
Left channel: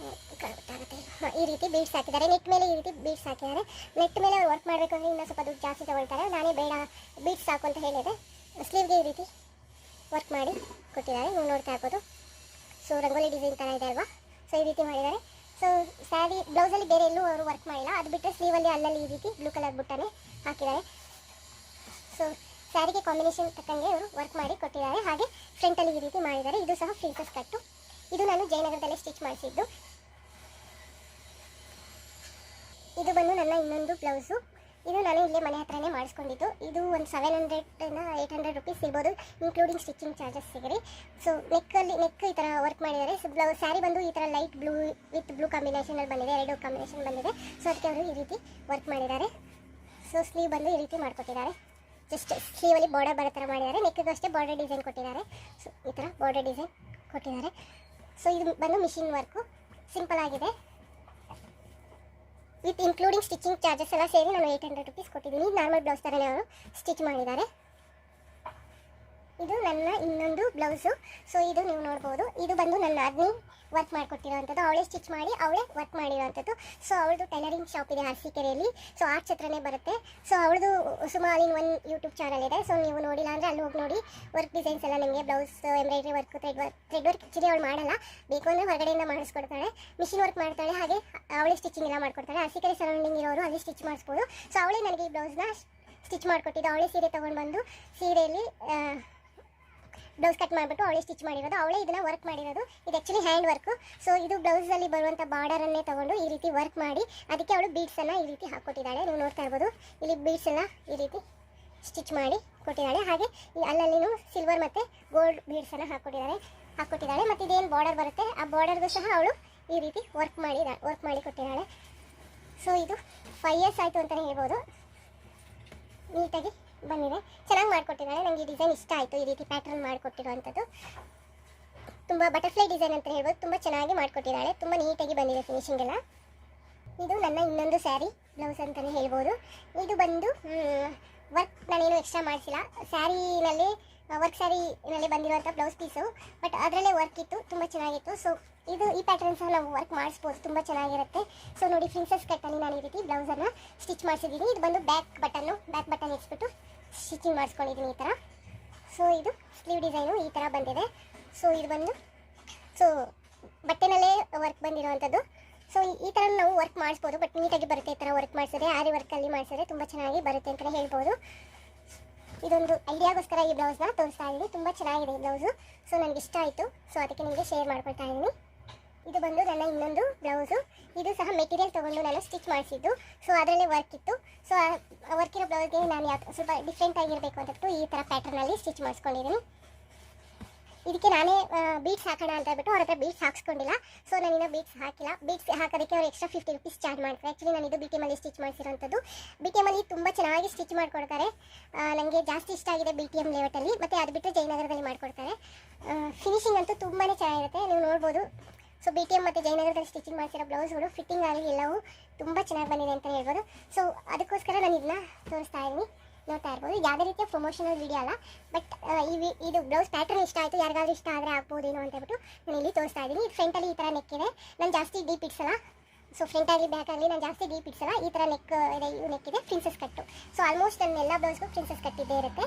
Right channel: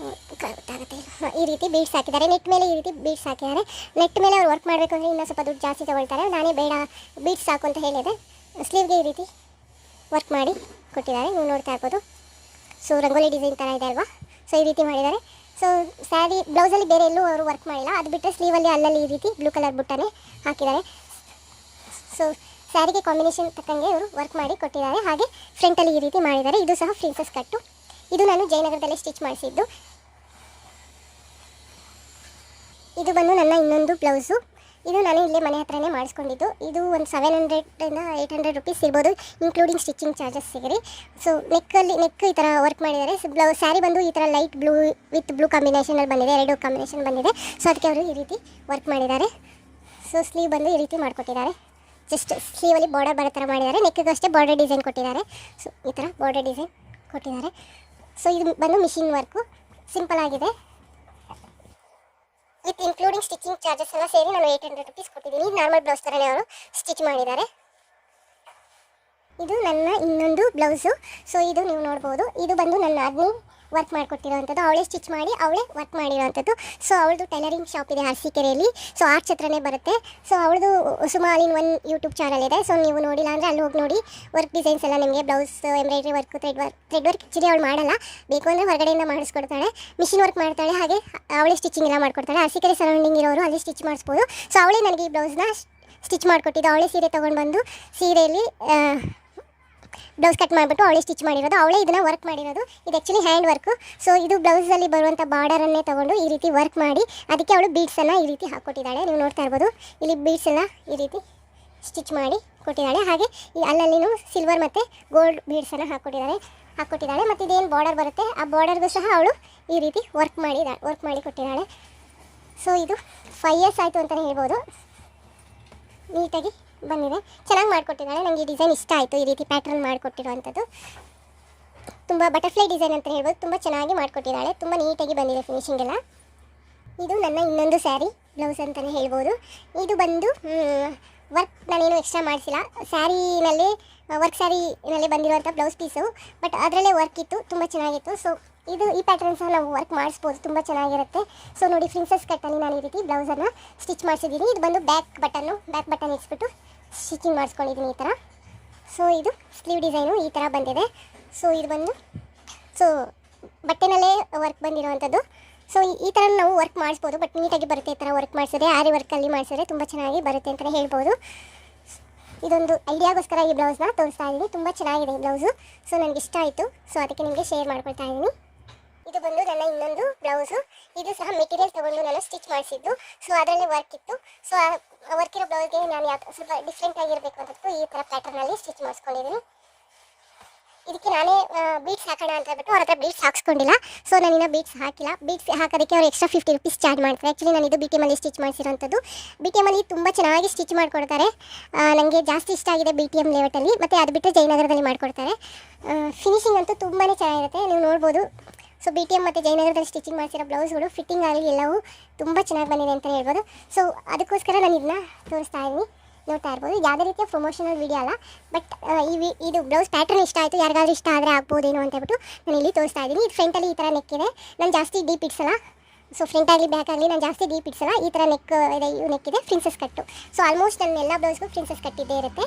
ಗೊತ್ತಾಗುತ್ತೆ. ಈ ರೀತಿ ಬೀಡ್ಸ್ ಹಾಕಿದ್ದಾರೆ, ನೆಟ್ ಮೇಲೆ ಈ ರೀತಿ ಬೀಡ್ಸ್ ಹಾಕಿದ್ದಾರೆ. ನೆಟ್ ಮೇಲೆ ಅವ್ರು ವರ್ಕ್ ಮಾಡಬೇಕು ಅಂದರೆ ಇನ್ನೂ ಸ್ವಲ್ಪ ದುಡ್ಡು ಜಾಸ್ತಿ ತೊಗೊಳ್ತಾರೆ. ನಾನೇ ಬೇಡ ಬೀಡ್ಸ್ ಸಾಕು ಅಂತ ಹೇಳಿದೆ. ಸ್ಲೀವ್ಗೆ ಈ ರೀತಿ ವರ್ಕ್ ಮಾಡಿ ಕೊಟ್ಟಿದ್ದಾರೆ, ನೀವು ನೋಡ್ತಾ ಇರ್ಬೋದು. ಸೊ ರಂಗೋಲಿ ಡಿಸೈನ್ ಥರ ಇದೆ ಅಲ್ವಾ. ಸೊ ಈ ರೀತಿ ಮಾಡಿದ್ದಾರೆ. ಸೊ ಸ್ಯಾರಿ ಬ್ಲೌಸಲ್ಲಿ ಬೇರೆ ಎಲ್ಲೂ ಅವರು ವರ್ಕ್ ಮಾಡಿಲ್ಲ, ಅದು ಬಿಟ್ಟರೆ ಸ್ಲೀವಲ್ಲಿ ಅಲ್ಲಲ್ಲಿ ಈ ರೀತಿ ಬ್ಲೂ ಕಲರ್ ಬುಟ್ಟನೇ ಹಾಕಿದ್ದಾರೆ. ಸೊ ಸ್ಯಾರಿಗೆ ಕಾಂಬಿನೇಷನ್ ತಕ್ಕಂಗೆ ಇವರು ವರ್ಕ್ ಮಾಡಿ ಕೊಟ್ಟಿದ್ದಾರೆ. ಹಾಗೆ ಫ್ರಂಟಲ್ಲಿ ಈ ರೀತಿ ಮಾಡಿದ್ದಾರೆ. ಇದು ಸಹ ಪ್ರಿನ್ಸಸ್ ಕಟ್ಟು. ಇದು ನಾನು ಜಯನಗರದಲ್ಲೇ ಸ್ಟಿಚ್ ಮಾಡಿಸಿದ್ದು. ಇದು ಬಂದು ನನ್ನ ಇನ್ನೊಂದು ಬ್ಲೌಸು. ಇದು ನಾನು ಇಲ್ಲೇ ಮನೆ ಹತ್ರನೇ ಮಾಡಿಸ್ಕೊಂಡಿದ್ದು. ಇದು ಒಂದು 700 800 ರುಪೀಸ್ ಇರ್ಬೋದು, ಇನ್ಕ್ಲೂಡಿಂಗ್ ಸ್ಟಿಚಿಂಗ್ ಚಾರ್ಜಸ್ ಸಿಗರಿ. ಸೊ ನೆಕ್ ಈ ಥರ ವರ್ಕ್ ಮಾಡಿದ್ದಾರೆ. ಸೊ ಸ್ಯಾರಿ ಬಂದು ಈ ಥರ ಲೈಟ್ ಬ್ಲೂ ವಿತ್ ಬ್ಲೂ ಕಾಂಬಿನೇಷನಲ್ಲಿ ಬಂದಿದೆ, 2 ಕಾಂಬಿನೇಷನ್ ಬಂದಿದೆ. ಸೊ ಅದಕ್ಕೆ ಅವರು ಈ ರೀತಿ ವರ್ಕ್ ಮಾಡಿದ್ದಾರೆ. ಸೊ ಸ್ಲೀವ್ ಬಂದು ಈ ರೀತಿ ಮಾಡಿಕೊಟ್ಟಿದ್ದಾರೆ. ಜಸ್ಟ್ ಸ್ಲೀವಲ್ಲಿ ಬಾರ್ಡರ್ ಬರೋ ಥರ ಮಾಡಿದ್ದಾರೆ. ನೆಕ್ಕಿಗೂ ಅಷ್ಟೇ ಬಾರ್ಡರ್ ಡಿಸೈನ್ ಕೊಟ್ಟಿದ್ದಾರೆ. ಸೊ ಈ ಥರ ಬಾರ್ಡರ್ ಡಿಸೈನ್ ಕೊಟ್ಟಿದ್ದಾರೆ. ಸೊ ಇದು ಬಂದು ಮಿಷಿನ್ ವರ್ಕು, ಸಿಂಪಲ್ ಆಗಿದೆ. ವಿತ್ ಇನ್ಕ್ಲೂಡಿಂಗ್ ಸ್ಟಿಚಿಂಗ್ ಚಾರ್ಜಸ್ ಎಲ್ಲ ಸೇರಿ ನಾನು 800 ರುಪೀಸ್ ಕೊಟ್ಟಿದ್ದೀನಿ. ನಾರ್ಮಲ್ ಬ್ಲೌಸ್ ಥರನೇ ಅವರು ಸ್ಟಿಚ್ ಮಾಡಿದ್ದಾರೆ. ಇದು ನನ್ನ ಇನ್ನೊಂದು ಬ್ಲೌಸು. ಸೊ ಇದು ನೀವು ನೋಡ್ಬೋದು. ಇದು ಬಂದು ನನ್ನ ನಾದಿನಿ ವರ್ಕ್ ಮಾಡಿಕೊಟ್ಟಿರೋವಂಥದ್ದು, ಅವಳೇ ಸ್ಟಿಚ್ ಮಾಡಿ ಅವಳೇ ವರ್ಕ್ ಮಾಡಿರೋವಂಥದ್ದು. ಸೊ ಅವಳದು ಟೈಲರಿಂಗ್ ಶಾಪ್ ಇದೆ ಅರಸೀಕೆರೆಯಲ್ಲಿ. ಸೊ ಆರ್ಚ್ ಹತ್ರನೇ ಬರುತ್ತೆ. ಸೊ ಅವಳದು ಸುಮಾಲಿನ್ ಒನ್ ಯೂಟ್ಯೂಬ್ ಚಾನಲ್ ಇದೆ. ಸೊ ನೀವು ನೋಡಿಲ್ಲ ಅಂದರೆ ಅಲ್ಲಿ ಹೋಗಿ ನೋಡಿ. ವರ್ಕ್ ಡಿಸೈನ್ಸ್ ಎಲ್ಲ ನಿಮಗೆ blouse embroidery work, thread work actually ಅವಳು ಮಾಡಲ್ಲ, ಬೇಕು ಅಂದರೆ ಹೊರಗಡೆಯಿಂದ ಮಾಡಿಸ್ಕೊಡ್ತಾಳೆ. ಮಿಷಿನ್ ವರ್ಕ್ ಮಾಡ್ತಾಳೆ, ಹಾಗೆ ಅವಳೇ ಸ್ಟಿಚಿಂಗ್ ಎಲ್ಲ ಮಾಡ್ಕೊಡ್ತಾಳೆ. ಅರಸೀಕೆರೆ ಸರೌಂಡಿಂಗ್ ಇರೋರು ಅಲ್ಲಿ ಸ್ಟಿಚ್ ಮಾಡಿಸ್ಬೋದು. ಸೊ ಅವಳೇ ನನಗೆ ಈ ಬ್ಲೌಸ್ನ ಸ್ಟಿಚ್ ಮಾಡಿಕೊಟ್ಟಿದ್ದು. ಅವಳೇ ಸೀರೆ ತೊಗೊಂಡು ಬಂದು ಸೀರೆಯಲ್ಲಿ ಬ್ಲೌಸ್ ಕಟ್ ಮಾಡಿಬಿಟ್ಟು ಅವಳೇ ಸ್ಟಿಚ್ ಮಾಡಿರೋದು, ಅವಳೇ ಇದನ್ನು ವರ್ಕ್ ಮಾಡಿರೋದು. ಇದು ಆ್ಯಕ್ಚುಲಿ ಹ್ಯಾಂಡ್ ವರ್ಕು. ಸೊ ಇದು ಬ್ಲೌಸಲ್ಲಿ ಬರುವಂಥ ಬಾರ್ಡರನ್ನೇ ತೊಗೊಂಡು ಈ ರೀತಿ ವರ್ಕ್ ಮಾಡಿ ಅದಕ್ಕೆ ಅವಳು ಬೀಡ್ಸನ್ನು ಈ ರೀತಿ ಹಾಕ್ಕೊಟ್ಟಿದ್ದಾಳೆ. ನೀವು ನೋಡ್ತಾ ಇರ್ಬೋದು, ಇಲ್ಲಿ ಬೀಡ್ಸ್ ಎಲ್ಲ ಈ ರೀತಿ ಸ್ಟಿಚ್ ಮಾಡಿ ಕೊಟ್ಟಿದ್ದಾಳೆ. ಹಾಗೆ ಈ ಅಲ್ಲಲ್ಲಿನೂ ಸಿಲ್ವರ್ ಮತ್ತು ಗೋಲ್ಡ್ ಬೀಡ್ಸನ್ನು ಹಾಕ್ಕೊಟ್ಟಿದ್ದಾಳೆ. ಮತ್ತು ಇದೇನು ಬಾರ್ಡರ್ ಬರುತ್ತೆ ಆ ಬಾರ್ಡರ್ಗೂ ಸಹ ಅವಳು ಈ ರೀತಿ ವರ್ಕ್ ಮಾಡಿ ಕೊಟ್ಟಿದ್ದಾಳೆ. ಸೊ ಇದು 5 ಇಯರ್ಸ್ ಆಯಿತು ಅಂತಲೇ ಹೇಳ್ಬೋದು. ನೀಟಾಗಿ ಬಂದಿದೆ, ಚೆನ್ನಾಗಿ ಮಾಡಿಕೊಟ್ಟಿದ್ದಾಳೆ. ನನಗೆ ಈ ಡಿಸೈನ್ ಇಷ್ಟ ಆಯಿತು. ಈ ರೀತಿ ಪ್ಯಾಟ್ರನ್ ಮಾಡಿಕೊಟ್ಟಿರುವಂಥದ್ದು ತುಂಬ ಬಟರ್ಫ್ಲೈ ಡಿಸೈನ್ ಅಂತ ಹೇಳ್ಬೋದು. ತುಂಬ ಚೆನ್ನಾಗಿ ಮಾಡಿಕೊಟ್ಟಿದ್ದಾಳೆ, ತುಂಬ ನೀಟಾಗಿ ಬಂದಿದೆ ಫಿನಿಶಿಂಗ್ ಎಲ್ಲ. ಇದು ನನ್ನ ಇನ್ನೊಂದು ಸ್ಯಾರಿ ಬ್ಲೌಸ್ ಅಂತಲೇ ಹೇಳ್ಬೋದು. ಇದು ಬಂದು ವರ್ಕ್ ನಾನೇನು ಎಕ್ಸ್ಟ್ರಾ ಮಾಡಿಸಿಲ್ಲ, ಸ್ಯಾರಿನಲ್ಲಿ ವರ್ಕ್ ಸ್ಯಾರಿನಲ್ಲಿ ಬಂದಿರುವಂಥ ಬ್ಲೌಸ್ ಪೀಸು. ಬಟ್ ಅದರಲ್ಲೇ ವರ್ಕ್ ಇತ್ತು, ತುಂಬ ಚೆನ್ನಾಗಿತ್ತು. ಸೊ ಈ ಪ್ಯಾಟರ್ನ್ ಸಹ ನಾವು ವರ್ಕ್ ಮಾಡಿಸ್ಬೋದು, ತುಂಬ ಚೆನ್ನಾಗಿರುತ್ತೆ. ಸೊ ನೋಡಿ, ಪ್ರಿನ್ಸಸ್ ಕಟ್ಟಲ್ಲಿ ನಾನು ಈ ರೀತಿ ಬ್ಲೌಸನ್ನು ಸ್ಟಿಚ್ ಮಾಡಿಸಿದ್ದೀನಿ. ಇದು ಬಂದು ಬ್ಯಾಕ್ ಬಟನ್ ಇಟ್ಬಿಟ್ಟು ಸ್ಟಿಚಿಂಗ್ ಮಾಡಿಸ್ಕೊಂಡಿದ್ದೀನಿ ಈ ಥರ. ಸೊ ಇದು ಸ್ಲೀವ್ ಡಿಸೈನು ಈ ಥರ ಬಂದಿದೆ. ಸೊ ಇದು ಬಂದು ಬಟ್ಟೆನಲ್ಲೇ ವರ್ಕ್ ಬಂದಿರೋವಂಥದ್ದು. ಸೊ ಈ ಥರ ನಾವು ವರ್ಕ್ ಮಾಡಿಸ್ಬೋದು, ಬಟ್ ನೀಟಾಗಿ ಬರುತ್ತೆ. ಈ ಥರ ವರ್ಕ್ ಮಾಡಿಸಿದ್ರೆ, ಆರಿ ವರ್ಕಲ್ಲಿ ಮಾಡಿಸಿದ್ರೆ ತುಂಬ ಚೆನ್ನಾಗಿ ಬರುತ್ತೆ ಅಂತಲೇ ಹೇಳ್ಬೋದು. ಇದೊಂದು ಐಡಿಯಾಗೋಸ್ಕರ ಈ ಬ್ಲೌಸ್ನ ತೋರಿಸ್ತಾ ಇದ್ದೀನಿ. ತುಂಬ ಚೆನ್ನಾಗಿದೆ ಈ ಬ್ಲೌಸು. ಸೊ ನನಗೆ ಇಷ್ಟ ಆಯಿತು. ಸೊ ಅದಕ್ಕೆ ನಿಮಗೆ ಶೇರ್ ಮಾಡ್ಕೊಳ್ತಾ ಇದ್ದೀನಿ. ಇದು ಬಂದು ನನ್ನ ಇನ್ನೊಂದು ಬ್ಲೌಸು. ಇದು ಸಹ ಮೆಟೀರಿಯಲ್ ತೊಗೊಂಡು ನಾನು ಸ್ಟಿಚ್ ಮಾಡಿಸಿದ್ದು. ಸೊ ಅದರಲ್ಲೇ ವರ್ಕ್ ಇತ್ತು. ಸೊ ಆ ವರ್ಕ್ ಇರೋ ಬ್ಲೌಸ್ಗೆ ನಾನು ಸ್ವಲ್ಪ ಡಿಫ್ರೆಂಟ್ ಆಗಿರಬೇಕು ಅಂತಟ್ಟು ಈ ಥರ ಪ್ಯಾಟರ್ನಲ್ಲಿ ಸ್ಟಿಚ್ ಮಾಡಿಸ್ಕೊಂಡಿದ್ದೀನಿ. ಇದಕ್ಕೆ ನಾನೇ ಬೀಡ್ಸ್ ಹಾಕೋಣ ಅಂತ ಹೇಳ್ಬಿಟ್ಟು ಅವ್ರ ಹತ್ರ ಬೀಡ್ಸ್ ಹಾಕ್ಸ್ಕೊಂಡಿಲ್ಲ. ಸೊ ನಾನಿನ್ನ ಬೀಡ್ಸ್ ಹಾಕಿಲ್ಲ. ಬೀಡ್ಸ್ ಹಾಕೋದಕ್ಕೆ ಅವ್ರು ಎಕ್ಸ್ಟ್ರಾ 50 ರುಪೀಸ್ ಚಾರ್ಜ್ ಮಾಡ್ತಾರೆ. ಆ್ಯಕ್ಚುಲಿ ನಾನು ಇದು BTM ಸ್ಟಿಚ್ ಮಾಡಿಸಿರೋಂಥದ್ದು. BTM ತುಂಬ ಚೆನ್ನಾಗಿ ಸ್ಟಿಚ್ ಮಾಡಿಕೊಡ್ತಾರೆ. ನನಗೆ ಜಾಸ್ತಿ ಇಷ್ಟ ಆಗಿದೆ BTM ಲೇಔಟಲ್ಲಿ. ಮತ್ತು ಅದು ಬಿಟ್ಟರೆ ಜಯನಗರದಲ್ಲಿ ಮಾಡಿಕೊಡ್ತಾರೆ. ಫಿನಿಶಿಂಗ್ ಅಂತೂ ತುಂಬಾ ಚೆನ್ನಾಗಿರುತ್ತೆ, ನೀವು ನೋಡ್ಬೋದು. ಸೊ BTM ಮತ್ತು ಜಯನಗರದಲ್ಲಿ ಸ್ಟಿಚಿಂಗ್ ಮಾಡಿಸಿರೋ ಬ್ಲೌಸ್ಗಳು ಫಿಟ್ಟಿಂಗ್ ಆಗಲಿ ಎಲ್ಲವೂ ತುಂಬ ಚೆನ್ನಾಗಿ ಬಂದಿದೆ ಅಂತ ಹೇಳ್ಬೋದು. ಸೊ ಅದಕ್ಕೋಸ್ಕರ ನಾನು ಇದನ್ನ ತೋರಿಸ್ತಾ ಇದ್ದೀನಿ, ನೋಡ್ತಾ ಇರ್ಬೋದು. ಯಾವುದೇ ರೀತಿಯ ಪ್ರಮೋಷನಲ್ ವೀಡಿಯೋ ಅಲ್ಲ, ಬಟ್ ಇದು ಬ್ಲೌಸ್ ಪ್ಯಾಟರ್ನ್ ಇಷ್ಟ ಆಯಿತು, ಯಾರಿಗಾದ್ರೂ ಇಷ್ಟ ಆದರೆ ಆಗ್ಬೋದೇನೋ ಅಂತ ಹೇಳ್ಬಿಟ್ಟು ನಾನು ಇಲ್ಲಿ ತೋರಿಸ್ತಾ ಇದ್ದೀನಿ. ಇದು ಫ್ರಂಟಲ್ಲಿ ಈ ಥರ ನೆಕ್ ಇದೆ. ನಾನು ಜಾಸ್ತಿ ಡೀಪ್ ಇಡ್ಸಲ್ಲ. ಸೊ ಫ್ರಂಟ್ ಆಗಲಿ ಬ್ಯಾಕ್ ಆಗಲಿ ನಾನು ಜಾಸ್ತಿ ಡೀಪ್ ಇಡ್ಸಲ್ಲ. ಈ ಥರ ನೆಕ್ ಇದೆ, ನೆಕ್ ಇದೆ, ಪ್ರಿನ್ಸಸ್ ಕಟ್ಟು. ಸೊ ಆಲ್ಮೋಸ್ಟ್ ನನ್ನ ಎಲ್ಲ ಬ್ಲೌಸ್ಗೂ ಪ್ರಿನ್ಸಸ್ ಕಟ್ಟಿದ್ದೇ ಇರುತ್ತೆ.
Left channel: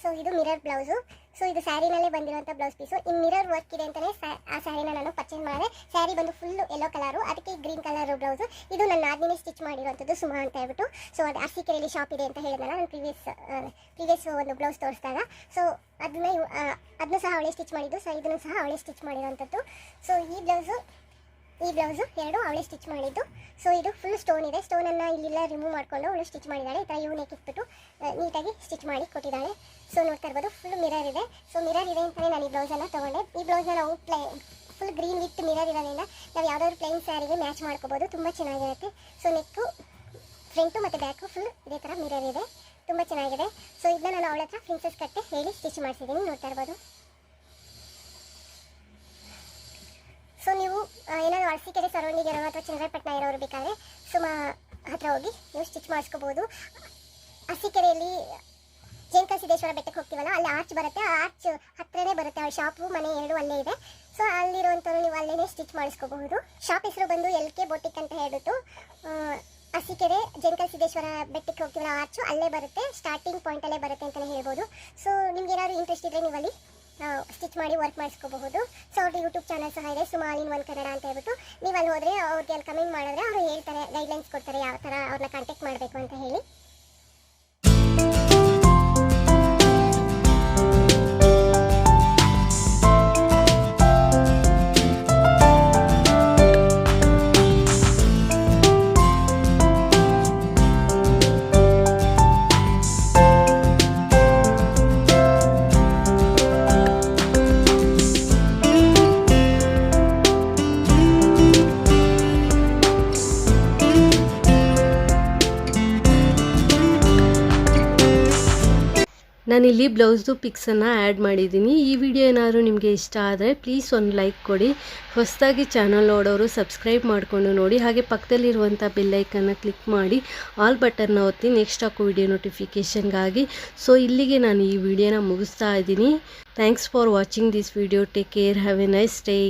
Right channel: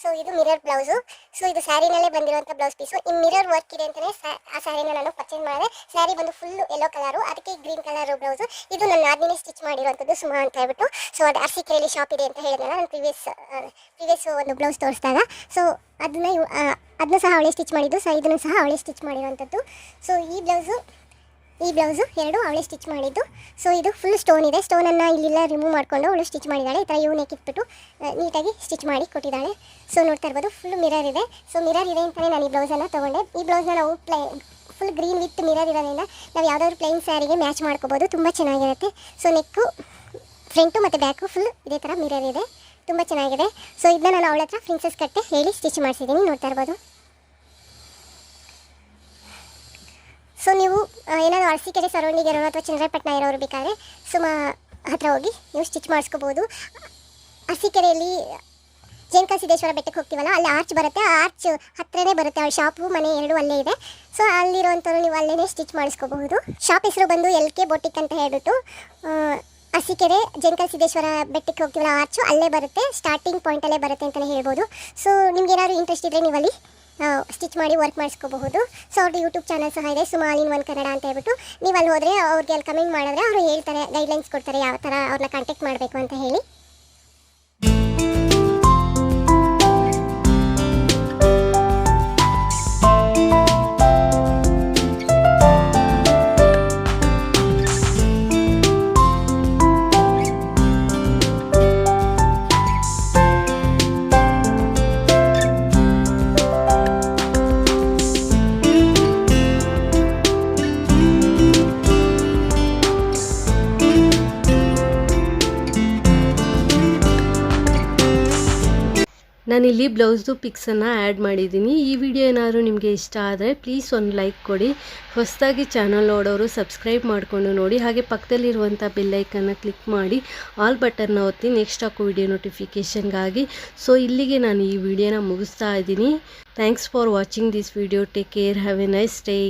ಸೊ ಇದು ಮಿರರ್ ಬ್ಲೌಸು. ಸೊ ಇದು ಸ್ಯಾರಿನಲ್ಲೇ ಬಂದಿರುವಂಥ ಬ್ಲೌಸ್ ಪೀಸು. ಈ ಮಿರರ್ ವರ್ಕ್ ಇದೆ ಅಂತಲೇ ಆ ಸ್ಯಾರಿನ ನಾನು ಪರ್ಚೇಸ್ ಮಾಡಿದೆ. ಸ್ಯಾರಿ ಬಂದು ಫುಲ್ಲು ಯೆಲ್ಲೋ ಕಲರು, ಅದಕ್ಕೆ ಗ್ರೀನ್ ಕಲರು ಬ್ಲೌಸು. ಇದು ನನ್ನ ಆದ್ಮೇಲೆ ಸ್ಟಿಚ್ ಮಾಡಿರುವಂಥದ್ದು ಸುಮಾ ಅಂತ ಹೇಳ್ಬಿಟ್ಟು. ಸೊ ಅದು ಅರಸೀಕೆರೆಯಲ್ಲಿ ಶಾಪ್ ಇದೆ ಅಂತ ಹೇಳಿದ್ನಲ್ಲ ನಾನು ಪ್ರೀವಿಯಸ್ ಒಂದು ಬ್ಲೌಸ್ ತೋರಿಸಿದಾಗ. ಸೊ ಅದನ್ನು ಸಹ ಅವಳೇ ಸ್ಟಿಚ್ ಮಾಡಿದ್ದು. ಸೊ ಇದನ್ನು ಸಹ ಅವಳೇ ಸ್ಟಿಚ್ ಮಾಡಿರುವಂಥದ್ದು. ಸೊ ಈ ಬ್ಲೌಸು ಎರಡು ಅವಳೇ ಸ್ಟಿಚ್ ಮಾಡಿದ್ದು. ಸೊ ಇದು ಫುಲ್ ಸ್ಟೋನ್ ಇದೆ. ಸ್ಟೋನನ್ನು ಇಲ್ಲೆಲ್ಲ ರಿಮೂವ್ ಮಾಡಿಕೊಂಡು ಅವಳು ಸ್ಟಿಚ್ ಮಾಡಿದ್ದಾಳೆ. ಈ ಥರ ನೆಕ್ ಇಟ್ಬಿಟ್ಟು ನೀಟಾಗಿ ಸ್ಟಿಚ್ ಮಾಡಿ ಕೊಟ್ಟಿದ್ದಾಳೆ. ಸೊ ನೋಡ್ತಾ ಇರ್ಬೋದು, ಫುಲ್ ಮಿರರ್ ಇದೆ. ಸೊ ಮಿರರ್ ಇದೆ ಅಂತಲೇ ನಾನು ಈ ಬ್ಲೌಸನ್ನು ತೊಗೊಂಡೆ. ಈ ಬ್ಲೌಸ್ನ ನಾವು ಫುಲ್ ಗ್ರೀನ್ ವಿತ್ ಮಿರರ್ ಇರೋದ್ರಿಂದ ನಾವು ಯಾವುದಾದ್ರು ಪ್ಲೈನ್ ಸ್ಯಾರಿಗೆ ಮ್ಯಾಚ್ ಮಾಡ್ಕೋಬೋದು, ತುಂಬ ಚೆನ್ನಾಗಿರುತ್ತೆ. ಸೊ ನೆಕ್ಕು ಫ್ರಂಟು ಮತ್ತು ಬ್ಯಾಕು ಫುಲ್ ಇದೇ ಥರ ಮಿರರ್ ಇದೆ, ತುಂಬ ಚೆನ್ನಾಗಿದೆ. ಸೊ ಇದನ್ನ ನಾನು ಅವಳ ಹತ್ರ ಪ್ರಿನ್ಸಸ್ ಕಟ್ಟೆ ಹೇಳಿ ಸ್ಟಿಚ್ ಮಾಡಿಸಿದ್ದೀನಿ, ನೋಡ್ತಾ ಇರ್ಬೋದು. ಸೊ ನೀವು ಏನಾದರೂ ಅರಸೀಕೆರೆ ಸರೌಂಡಿಂಗ್ ಇರೋರು ಅಥವಾ ಚನ್ನರಾಯಪಟ್ಟಣ ಇರೋರು ಬೇಕಾದರೆ ಸುಮಾ ಹತ್ರ ಹೋಗಿ ನೀವು ಸ್ಟಿಚ್ ಮಾಡಿಸ್ಕೋಬೋದು. ಅರಸೀಕೆರೆಯಲ್ಲಿ ಜೇನ್ಕಲ್ ಸಿದ್ದೇಶ್ವರ ಬೆಟ್ಟಕ್ಕೆ ಹೋಗ್ತೀವಲ್ಲ ಅಲ್ಲಿ ಆರ್ಚ್ ಬರುತ್ತೆ, ಆ ಆರ್ಚ್ ಹತ್ರನೇ ಬರುತ್ತೆ, ಆ ಶಾಪು ಮನೆ ಎರಡು ಅಲ್ಲೇ ಇದೆ. ಸೊ ಅಲ್ಲಿರುವಂಥವ್ರು ನೀವು ಅಲ್ಲೇ ಸ್ಟಿಚ್ ಮಾಡಿಸ್ಕೋಬಹುದು. ಶಾಪ್ ಹೆಸರು ಬಂದು LK ಬೊಟಿಕ್ ಅಂತ ಹೇಳ್ಬಿಟ್ಟು ಅರಸೀಕೆರೆ ಜೇನ್ಕಲ್ ಸಿದ್ದೇಶ್ವರ ಬೆಟ್ಟಕ್ಕೆ ಹೋಗ್ತೀವಲ್ಲ ಆರ್ಚು ಅಲ್ಲೇ ಬರುತ್ತೆ, ಸ್ಟಾರ್ಟಿಂಗ್ ಪಾಯಿಂಟಲ್ಲೇ ಬರುತ್ತೆ ಅಂತಲೇ ಹೇಳ್ಬೋದು. ಸೊ ನಿಮ್ಗೆ ಏನಾದರೂ ಇಂಟ್ರೆಸ್ಟ್ ಇದ್ದರೆ ನೀವು ಅಲ್ಲಿ ಸ್ಟಿಚ್ ಮಾಡಿ ವರ್ಕ್ ಮಾಡಿಸ್ಕೋಬಹುದು. ಸೊ ಅವ್ರದ್ದು ಯೂಟ್ಯೂಬ್ ಚಾನಲ್ ಸಹ ಇದೆ, Suma all in one Kannada ಅಂತ ಹೇಳ್ಬಿಟ್ಟು. ನೀವು ಅಲ್ಲಿ ಹೋದರೆ ಅವ್ರಿಗೆ ಅಲ್ಲಿ ಕಮೆಂಟ್ ಮಾಡಿದ್ರೆ ಅವರು ಹೇಳ್ತಾರೆ, ಗೈಡ್ಲೈನ್ಸ್ ಕೊಡ್ತಾರೆ ಯಾವ ಥರ ಅವ್ರನ್ನ ಕಾಂಟ್ಯಾಕ್ಟ್ ಮಾಡಬೇಕು ಅಂತ ಹೇಳಿ. ನಾನಿಲ್ಲಿ ಬ್ಲೌಸ್ದು ಪಿಕ್ಸನ್ನು ಆ್ಯಡ್ ಮಾಡಿದ್ದೀನಿ. ಈ ವಿಡಿಯೋ ಏನಾದರೂ ನಿಮಗೆ ಇಷ್ಟ ಆದರೆ ಪ್ಲೀಸ್ ಒಂದು ಲೈಕ್ ಕೊಡಿ. ಹೊಸದಾಗಿ ಚಾನಲ್ ನೋಡೋರು ಸಬ್ಸ್ಕ್ರೈಬ್ ಮಾಡಿಕೊಂಡು ನೋಡಿ. ಹಾಗೆ ಪಕ್ಕದಲ್ಲಿರುವಂಥ ಬೆಲ್ಲೈಕನ್ನು ಕ್ಲಿಕ್ ಮಾಡಿ ಆಲ್ ಬಟನ್ನ ಒತ್ತಿ ನೆಕ್ಸ್ಟ್ ಹಾಕೋ ವಿಡಿಯೋ ನೋಟಿಫಿಕೇಷನ್ಗಾಗಿ. ಸೊ ಇಲ್ಲಿಗೆ ನಾನು ಈ ವಿಡಿಯೋನ ಮುಗಿಸ್ತಾ ಇದ್ದೀನಿ. Thanks for watching this video. Take care. Have A nice day.